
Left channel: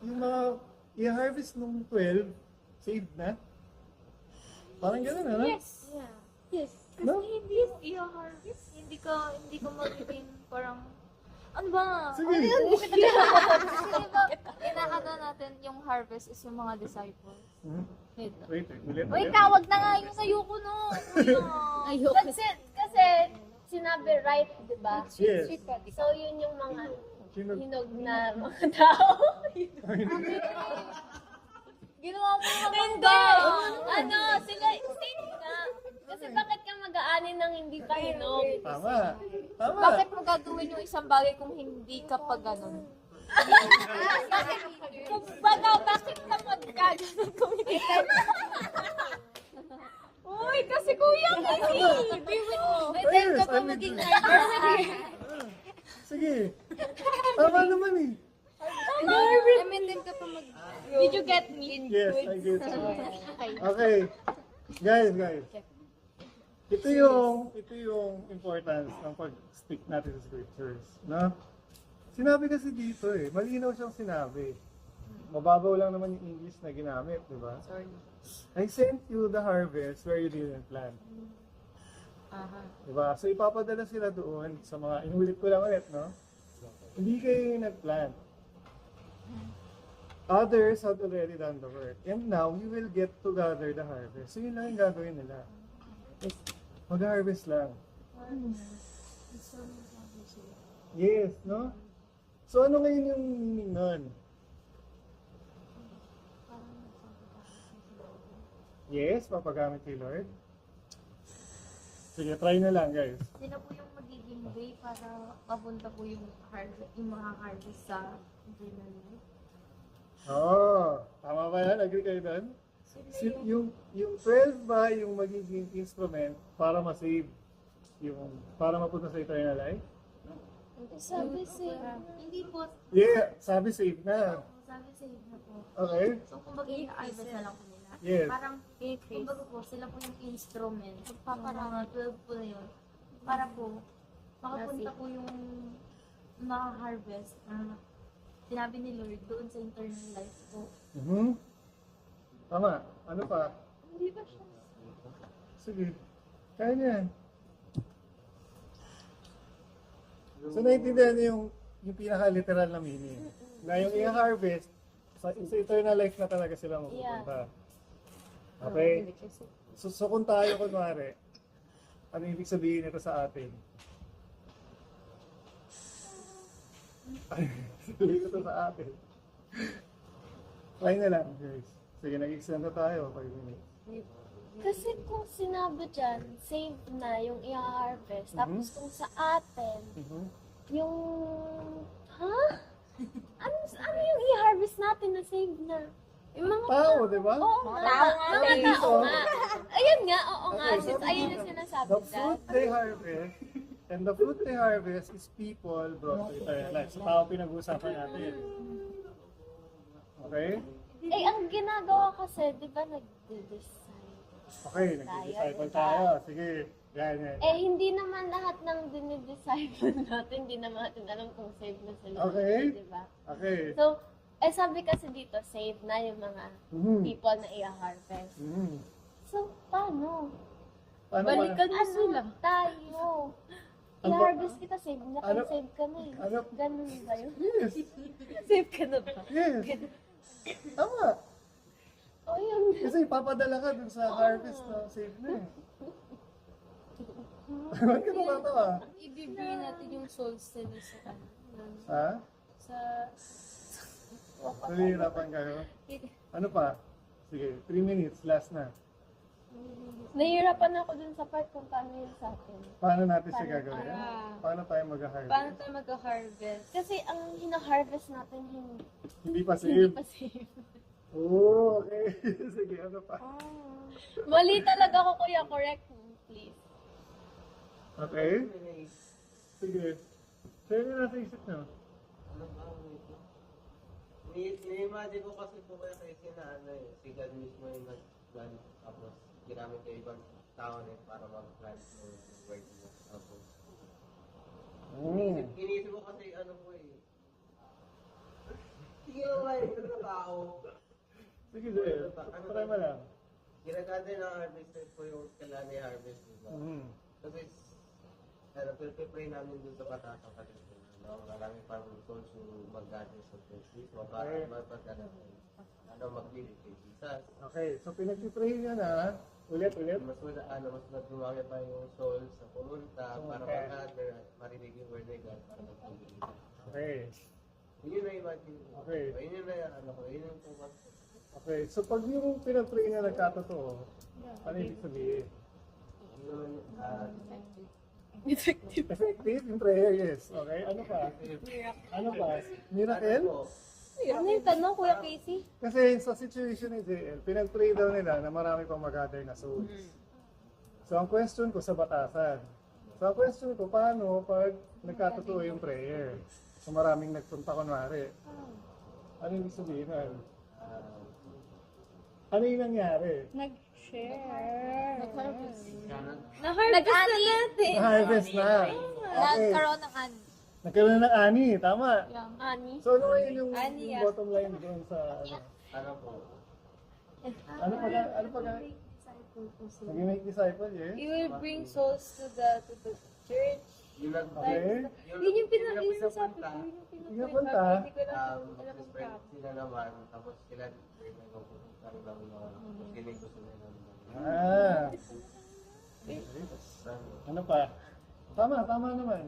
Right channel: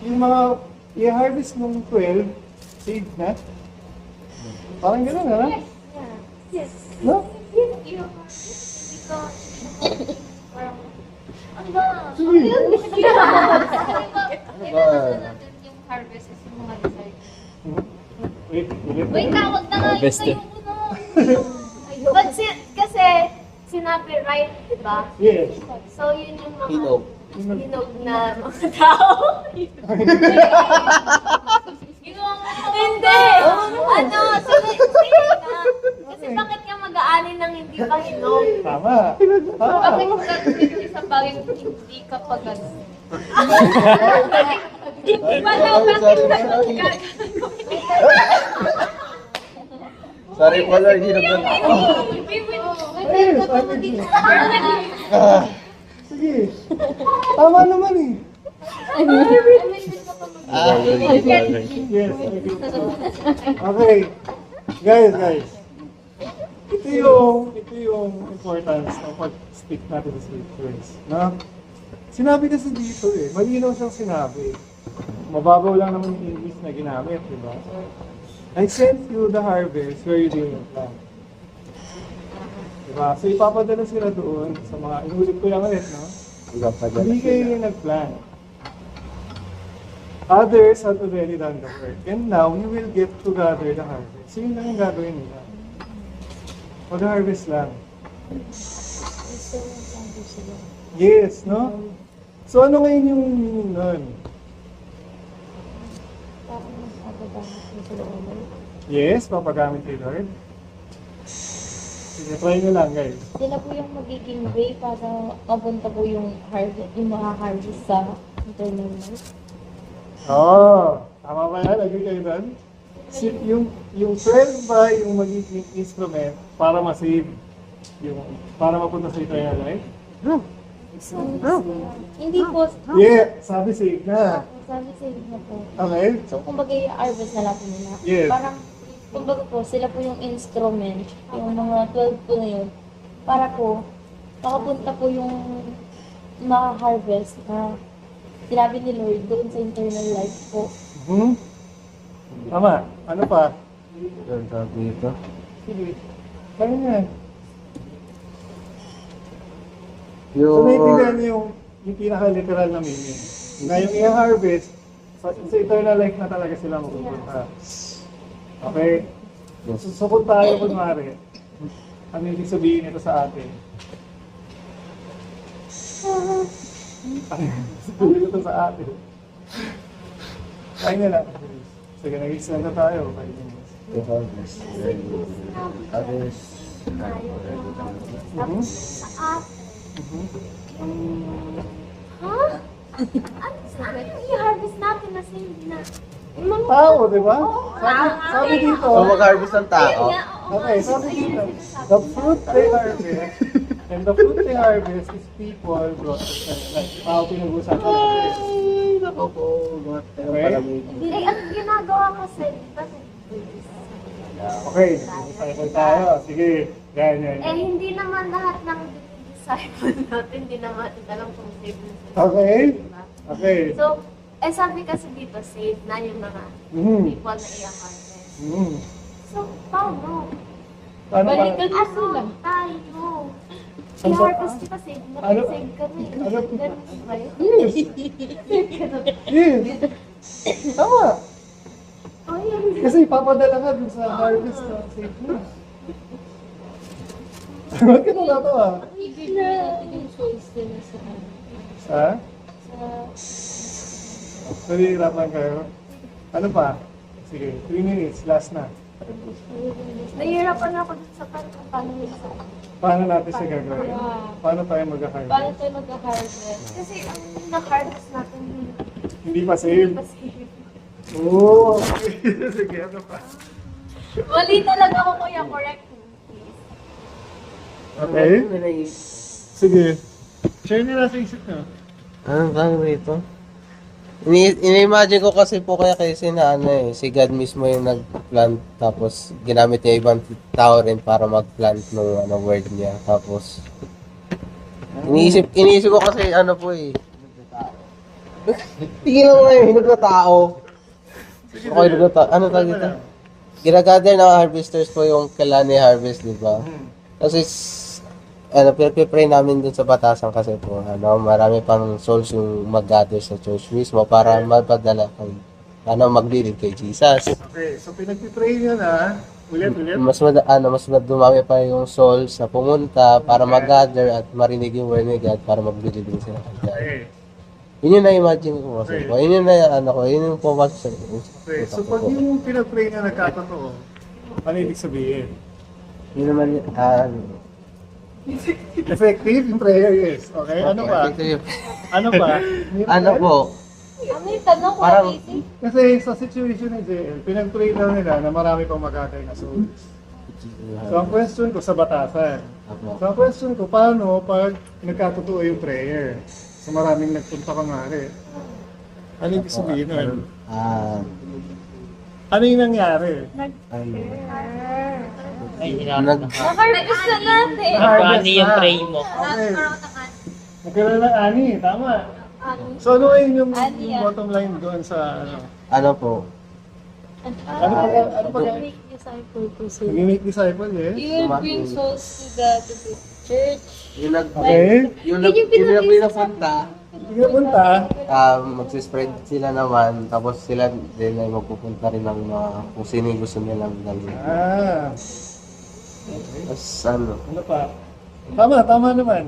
yung mga i-harvest nung 12, saved na. Parang gano'n, ha? Yes. No? Hindi ko parang, ano ba? Sige. Di ba natin yung harvest is yung mga disciples? Wait, ulit. Wait, tawag na nga yung Harvested. ayoko na. Kasi sinabi right, di ba? Yes. So yun yung mga Hinog. hinog na mga tao. Ginawa mo ito. Hindi! Ano? Sige na. Kasi bakit ka mag-aanin ng hindi pa hinog? Tama. Tama. Kasi kung gagawin yung isang bagay kung hindi ka pa gano'n. Wala Sorry, bakit sorry. ka Sorry po, Lord. Hirap na. Yes, I can do it. Sige. Tama naman eh. Yes. Okay. Guys. Ito yung importance ng pag-stick natin sa scriptures. No? Sinabi kasi dito eh. Malinaw siyang sinabi. Mababaw lang naman yung English na ginamit, di ba? I sent you the harvest where you didn't plant. Diba? So ipapadala sila doon sa mga, inulit ko lang ulit, no? Hindi kayo yung nag-plant. Others have already done the work. And now, you will get to gather the harvest. So yun lang yung gagawin nila. Mag-harvest lang. Yes, no? So ano ngayon yung meaning nun? Yes, papagamit kay Lord. Sige, try nyo lang guys. Sila po yung magiging way para mapunta po yung harvest, yung makaharvest sa eternal life. Oo, tama ba yan? Agree kayo doon? Yung 12 ba yung magiging instrument para ma-save? Yung, para mapunta sa eternal life? Hindi po. Yeah, sabi safe na. Sabi sa inyo po. Okay? So, kumbaga i-harvest na lang po nila. Yes. Parang, kumbaga po, sila po yung instrument, yung mga 12 po na yun, para po, makapunta po yung ma-harvest na sinabi ni Lord doon sa eternal life po. Hmm? Tama. Ano pa? Ang tawag dito. Sige. Kaya niya. So, Yung, naiintindihan niyo yung pinaka-literal na meaning. Ngayong i-harvest, sa eternal life na talaga sila mapupunta. Okay? So kung tayo, kunwari, ano yung ibig sabihin nito sa atin? Ano yung sabihin nito sa atin? Kain na lang. Sige, nag-extend na tayo. Kain na. yung harvest. Kasi kung sinabi dyan, save na yung i-harvest. Tapos sa atin, yung... Ha? Ano yung i-harvest natin na save na? Yung mga Tao, di ba? tama. Sabi dito, O mag-harvest ng tao. Ayun nga, oo nga. okay, sabi Ayun dito, ang sinasabi the niya. fruit they harvest, and the fruit they harvest is people brought to paradise. Tao pinag-usapan natin. Ay, nako po. Eh, ang ginagawa kasi, di ba Okay, nag-disciple tayo. Sige, yan. eh, hindi naman lahat ng dinidisciple natin, hindi naman natin alam kung save na sila. Okay. Diba? Okay. So, sabi kasi dito, save na yung mga people na i-harvest. So, paano? Ano ba? Balikan mo Ano sila. tayo? Ano ba? I-harvest kita, save na, Ano- save ka na eh. ano- Ganun ba yun? Yes. Save ka na. Yes. Tama. Oy, Kasi papadala ka dun sa harvest na safe na. Ba't ka natatawa? Ibigay natin yung choice nila sa Ha? Nahihirapan kayo? Ano pa? Sige, 3 minutes, last na. nahihirapan ako dun sa part kung paano yun sa... Paano natin siya gagawin? Paano tayo mag-harvest? Paano tayo mag-harvest? Kasi ang na-harvest natin, Hindi pa hindi save? pa save. Oo, okay. Sige, ano pa? Mali talaga ako, kuya. Correct me, please. Okay. Sige. Share nila sa isip nyo. Anong tawag dito? Ini-imagine ko kasi po kaya kasi na ano eh, si God mismo yung nag-plant tapos ginamit niya ibang tao rin para mag-plant ng ano, word niya. Tapos iniisip ko kasi ano po eh. Tingnan mo ngayon, hinog na tao. Okay, hinog na tao. Ano tawag dito? Ginagather ng harvesters po yung Kalani harvest, di ba? Kasi ano, pray namin dun sa batasan kasi po, ano, marami pang souls yung mag-gather sa church mismo para mapadala kay, ano, maglilid kay Jesus. Okay, so pinag-pray nyo na. Ulit. Mas dumami pa yung souls na pumunta para mag-gather at marinig yung word ni God para maglilid din sila kay God. Okay. Yun yung na-imagine ko kasi po. Yun yung yun yung pumasok sa Okay, so pag yung pinag-pray na nagkatotoo, ano ibig sabihin? Yun naman yun, Effective yung prayer, yes. Okay, ano pa? Ano pa? ano po, Ano yung tanong ko, Parang- Casey? Kasi sa situation ni JL, pinag-pray daw nila na marami pang mag-gather na souls. So ang question ko sa batasan. So ang question ko, paano pag nagkatotoo yung prayer? So maraming nagpunta kangari. Ano ibig sabihin nun? Ano yung nangyari? Na-harvest na natin. Harvest yung na. pray mo? Okay. Nagkaroon ng ani, tama. So ano yung bottom line doon sa ano? ano po, Ano pa Make disciple po sila. Make disciple, yes? You will bring souls to the church. yung Okay. yung pinapunta, Hindi na punta. magsispread sila naman, tapos sila din ay magpupunta rin ng mga kung sino yung gusto nilang dalhin. Tapos ano, Ano pa? Tama naman.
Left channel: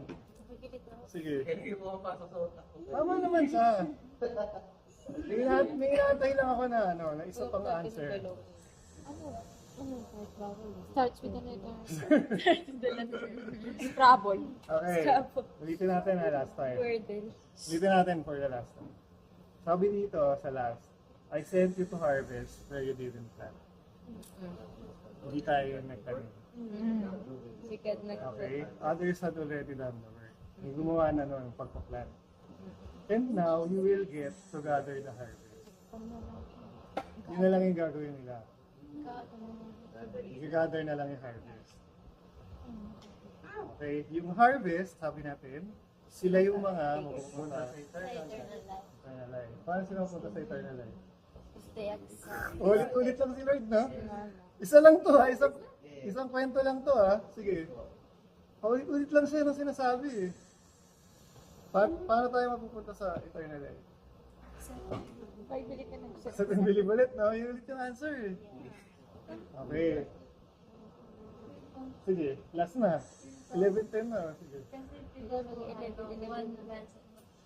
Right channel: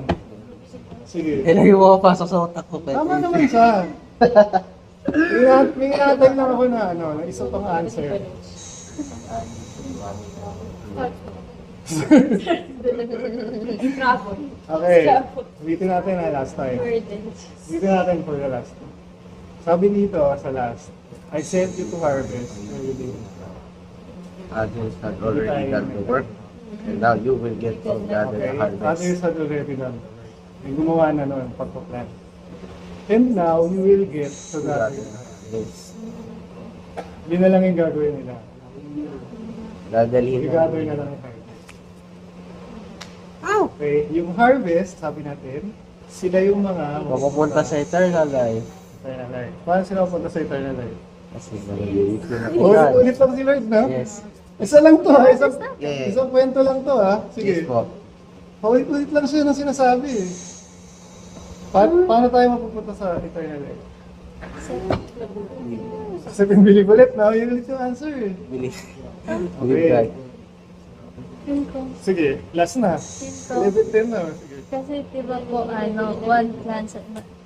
Sige. ilagay mo pasok sa utak ko. Tama naman siya. May inatay lang ako na na isa pang answer. Okay. Ulitin natin na last time. Ulitin natin for the last time. Sabi dito sa last, I sent you to harvest where you didn't plant. Agents had already done the work. And now you will get to gather Okay, the Father harvest. had already done the work. May gumawa na noon, pagpa-plant. And now, you will get to gather the harvest. Yes. Yun na lang yung gagawin nila. Dadalhin I-gather na lang yung harvest. Okay, yung harvest, sabi natin, sila yung mga Papupunta sa eternal life. eternal life. Paano sila mapunta sa eternal life? Kasi maliliit yun ako. Ulit lang si Lord, no? Yes. Isa lang to, ha? Isang, Yeah. isang kwento lang to, ha? Yes Sige. po. Paulit-ulit lang siya ng sinasabi, eh. Paano tayo mapupunta sa eternal life? Sa pinbili ulit, no? Yun ulit yung answer, eh. Believe. Okay. Believe God. Yun ko. Sige, last na. Yun ko. 11-10 na. Sige. Kasi diba po, one plants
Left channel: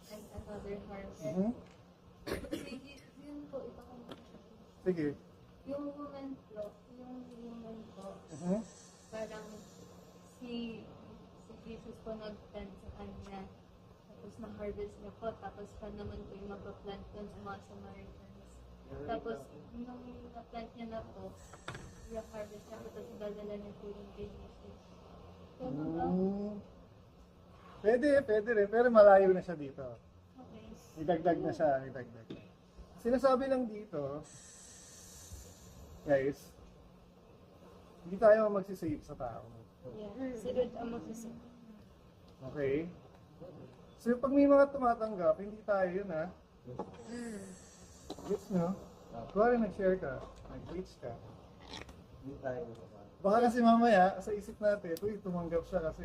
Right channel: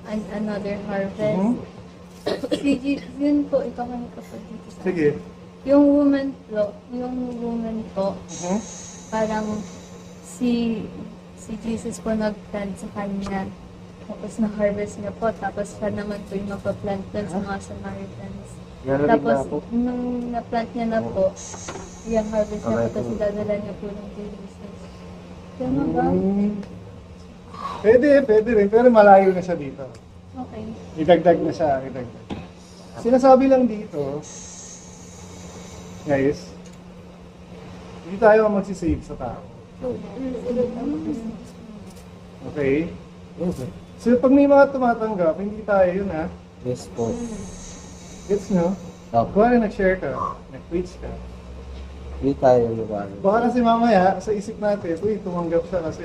and another harvest. Mhm. Yun po, ikaw nga kapatid. Sige. Yung woman po, Mhm. parang si Jesus po nag-plant sa kanya. Tapos na-harvest niya po. Tapos siya naman po yung magpa-plant dun sa mga Samaritans. Narinig Tapos, na ako. nung na-plant niya na po, yung harvest niya po, Okay. tapos dadala niya po ng Jesus. Tama ba? Pwede rin. Pero malayo na siya dito. Okay. Idagdag na siya. Idagdag. Sinasabi lang dito, guys, hindi tayo magsisave sa tao. Okay? So pag may mga tumatanggap, hindi tayo yun, ha? Yes po. Gets nyo? Okay. Kung ano nag-share ka, nag-preach ka. Hindi tayo lugar. Baka kasi mamaya, sa isip natin, uy, tumanggap siya kasi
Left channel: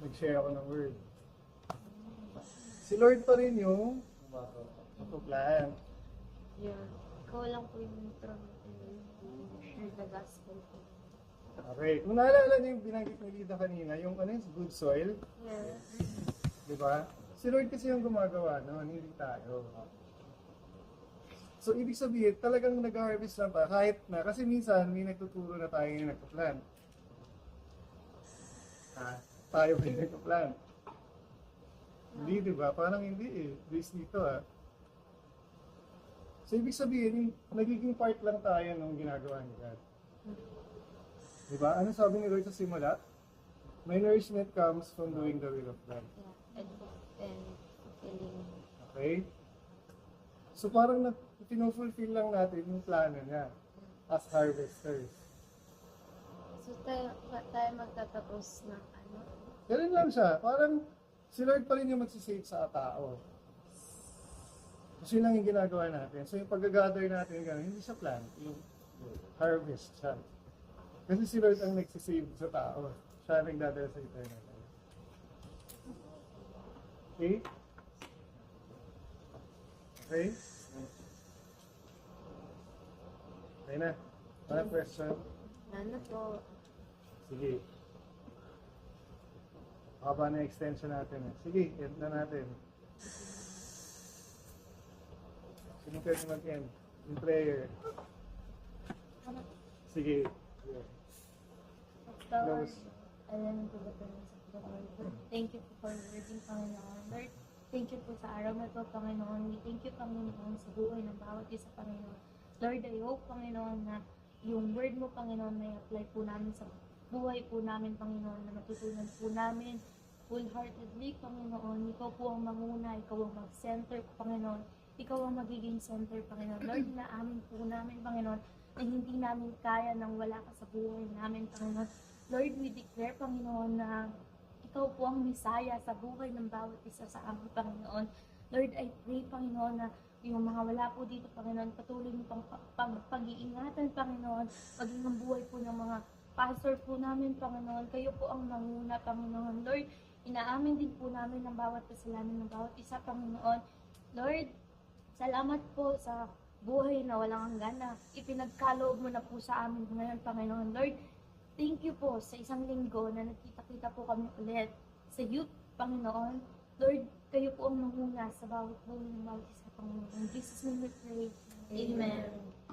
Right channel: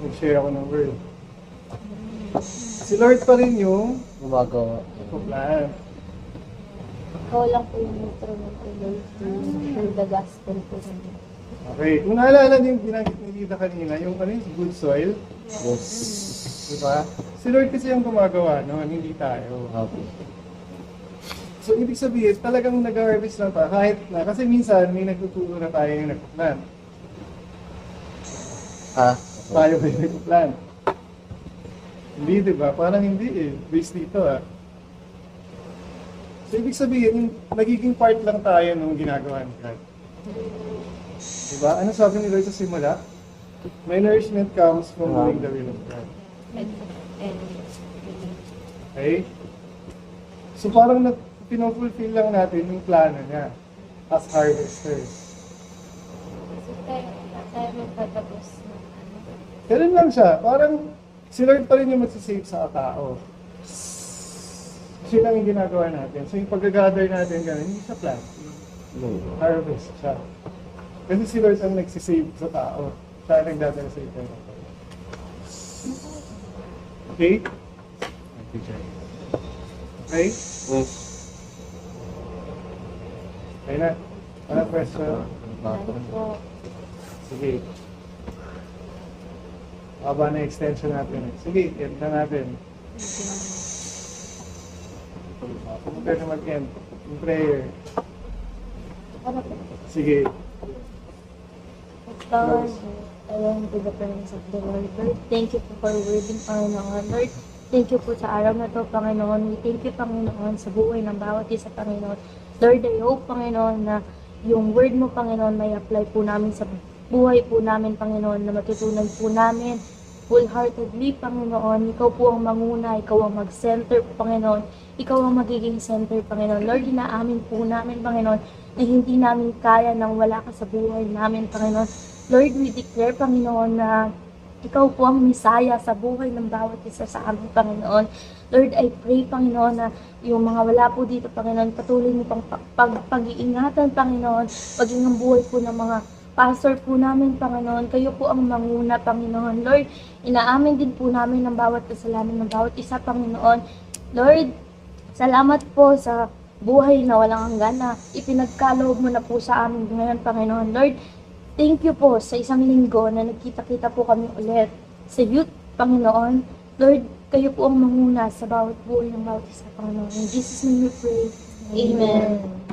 nag-share ako ng word. Si Lord pa rin yung Gumagawa. plan. Ikaw lang po yung instrument to Lord to share the gospel po namin. Okay, kung naalala niyo yung binanggit ni Lida kanina, yung ano yung good soil, Yes. diba? Si Lord kasi yung gumagawa, no? Hindi tayo. Okay. So, ibig sabihin, talagang nag-harvest lang tayo, kahit na, kasi minsan may nagtuturo na tayo yung nagpa-plan. Ah, Tayo ba yung nagpa-plan? Hindi, diba? Parang hindi eh. Based dito ah. So, ibig sabihin, nagiging part lang tayo nung ginagawa ni God. Diba? Ano sabi ni Lord sa simula? My nourishment comes from doing the will of God. Okay? So parang pinofulfill lang natin yung plano niya as harvesters. So, tayo magtatapos na ano. Ganun lang siya. Parang si Lord pa rin yung magsisave sa tao. Siya lang yung ginagawa natin. So yung pag-gather natin ganun, hindi siya plan. Harvest siya. Kasi si Lord ang nagsisave sa tao. Siya ang nagdadala sa ito. Okay? Okay? yes. Okay na. Ano question? Sige. Haba na extension natin. Sige, end na natin. Kung tayo na mag-end. Yung prayer. Sige. Lord, I want to the presence of the Lord. Lord, thank you po for wording, Panginoon. Lord, thank you po sa araw na to, Panginoon. We thank you, Panginoon, sa buhay ng bawat isa, Panginoon. Lord, I hope, Panginoon, na yung word mo, Panginoon, may apply po namin sa buhay po namin, Panginoon, na matutunan po namin wholeheartedly, Panginoon. Ikaw po ang manguna, ikaw ang mag-center, Panginoon. Ikaw ang magiging center, Panginoon. Lord, inaamin po namin, Panginoon, na hindi namin kaya nang wala ka sa buhay namin, Panginoon. Lord, we declare, Panginoon, na ikaw po ang misaya sa buhay ng bawat isa sa amin, Panginoon. Lord, I pray, Panginoon, na yung mga wala po dito, Panginoon, patuloy mo pang pag-iingatan, Panginoon, maging ang buhay po ng mga pastor po namin, Panginoon. Kayo po ang manguna, Panginoon. Lord, inaamin din po namin ang bawat kasalanan ng bawat isa, Panginoon. Lord, salamat po sa buhay na walang hanggan na ipinagkaloob mo na po sa amin ngayon, Panginoon. Lord, thank you po sa isang linggo na nagkita-kita po kami ulit sa youth, Panginoon. Lord, kayo po ang manguna sa bawat buhay ng bawat isa, Panginoon. In Jesus' name we pray. Amen.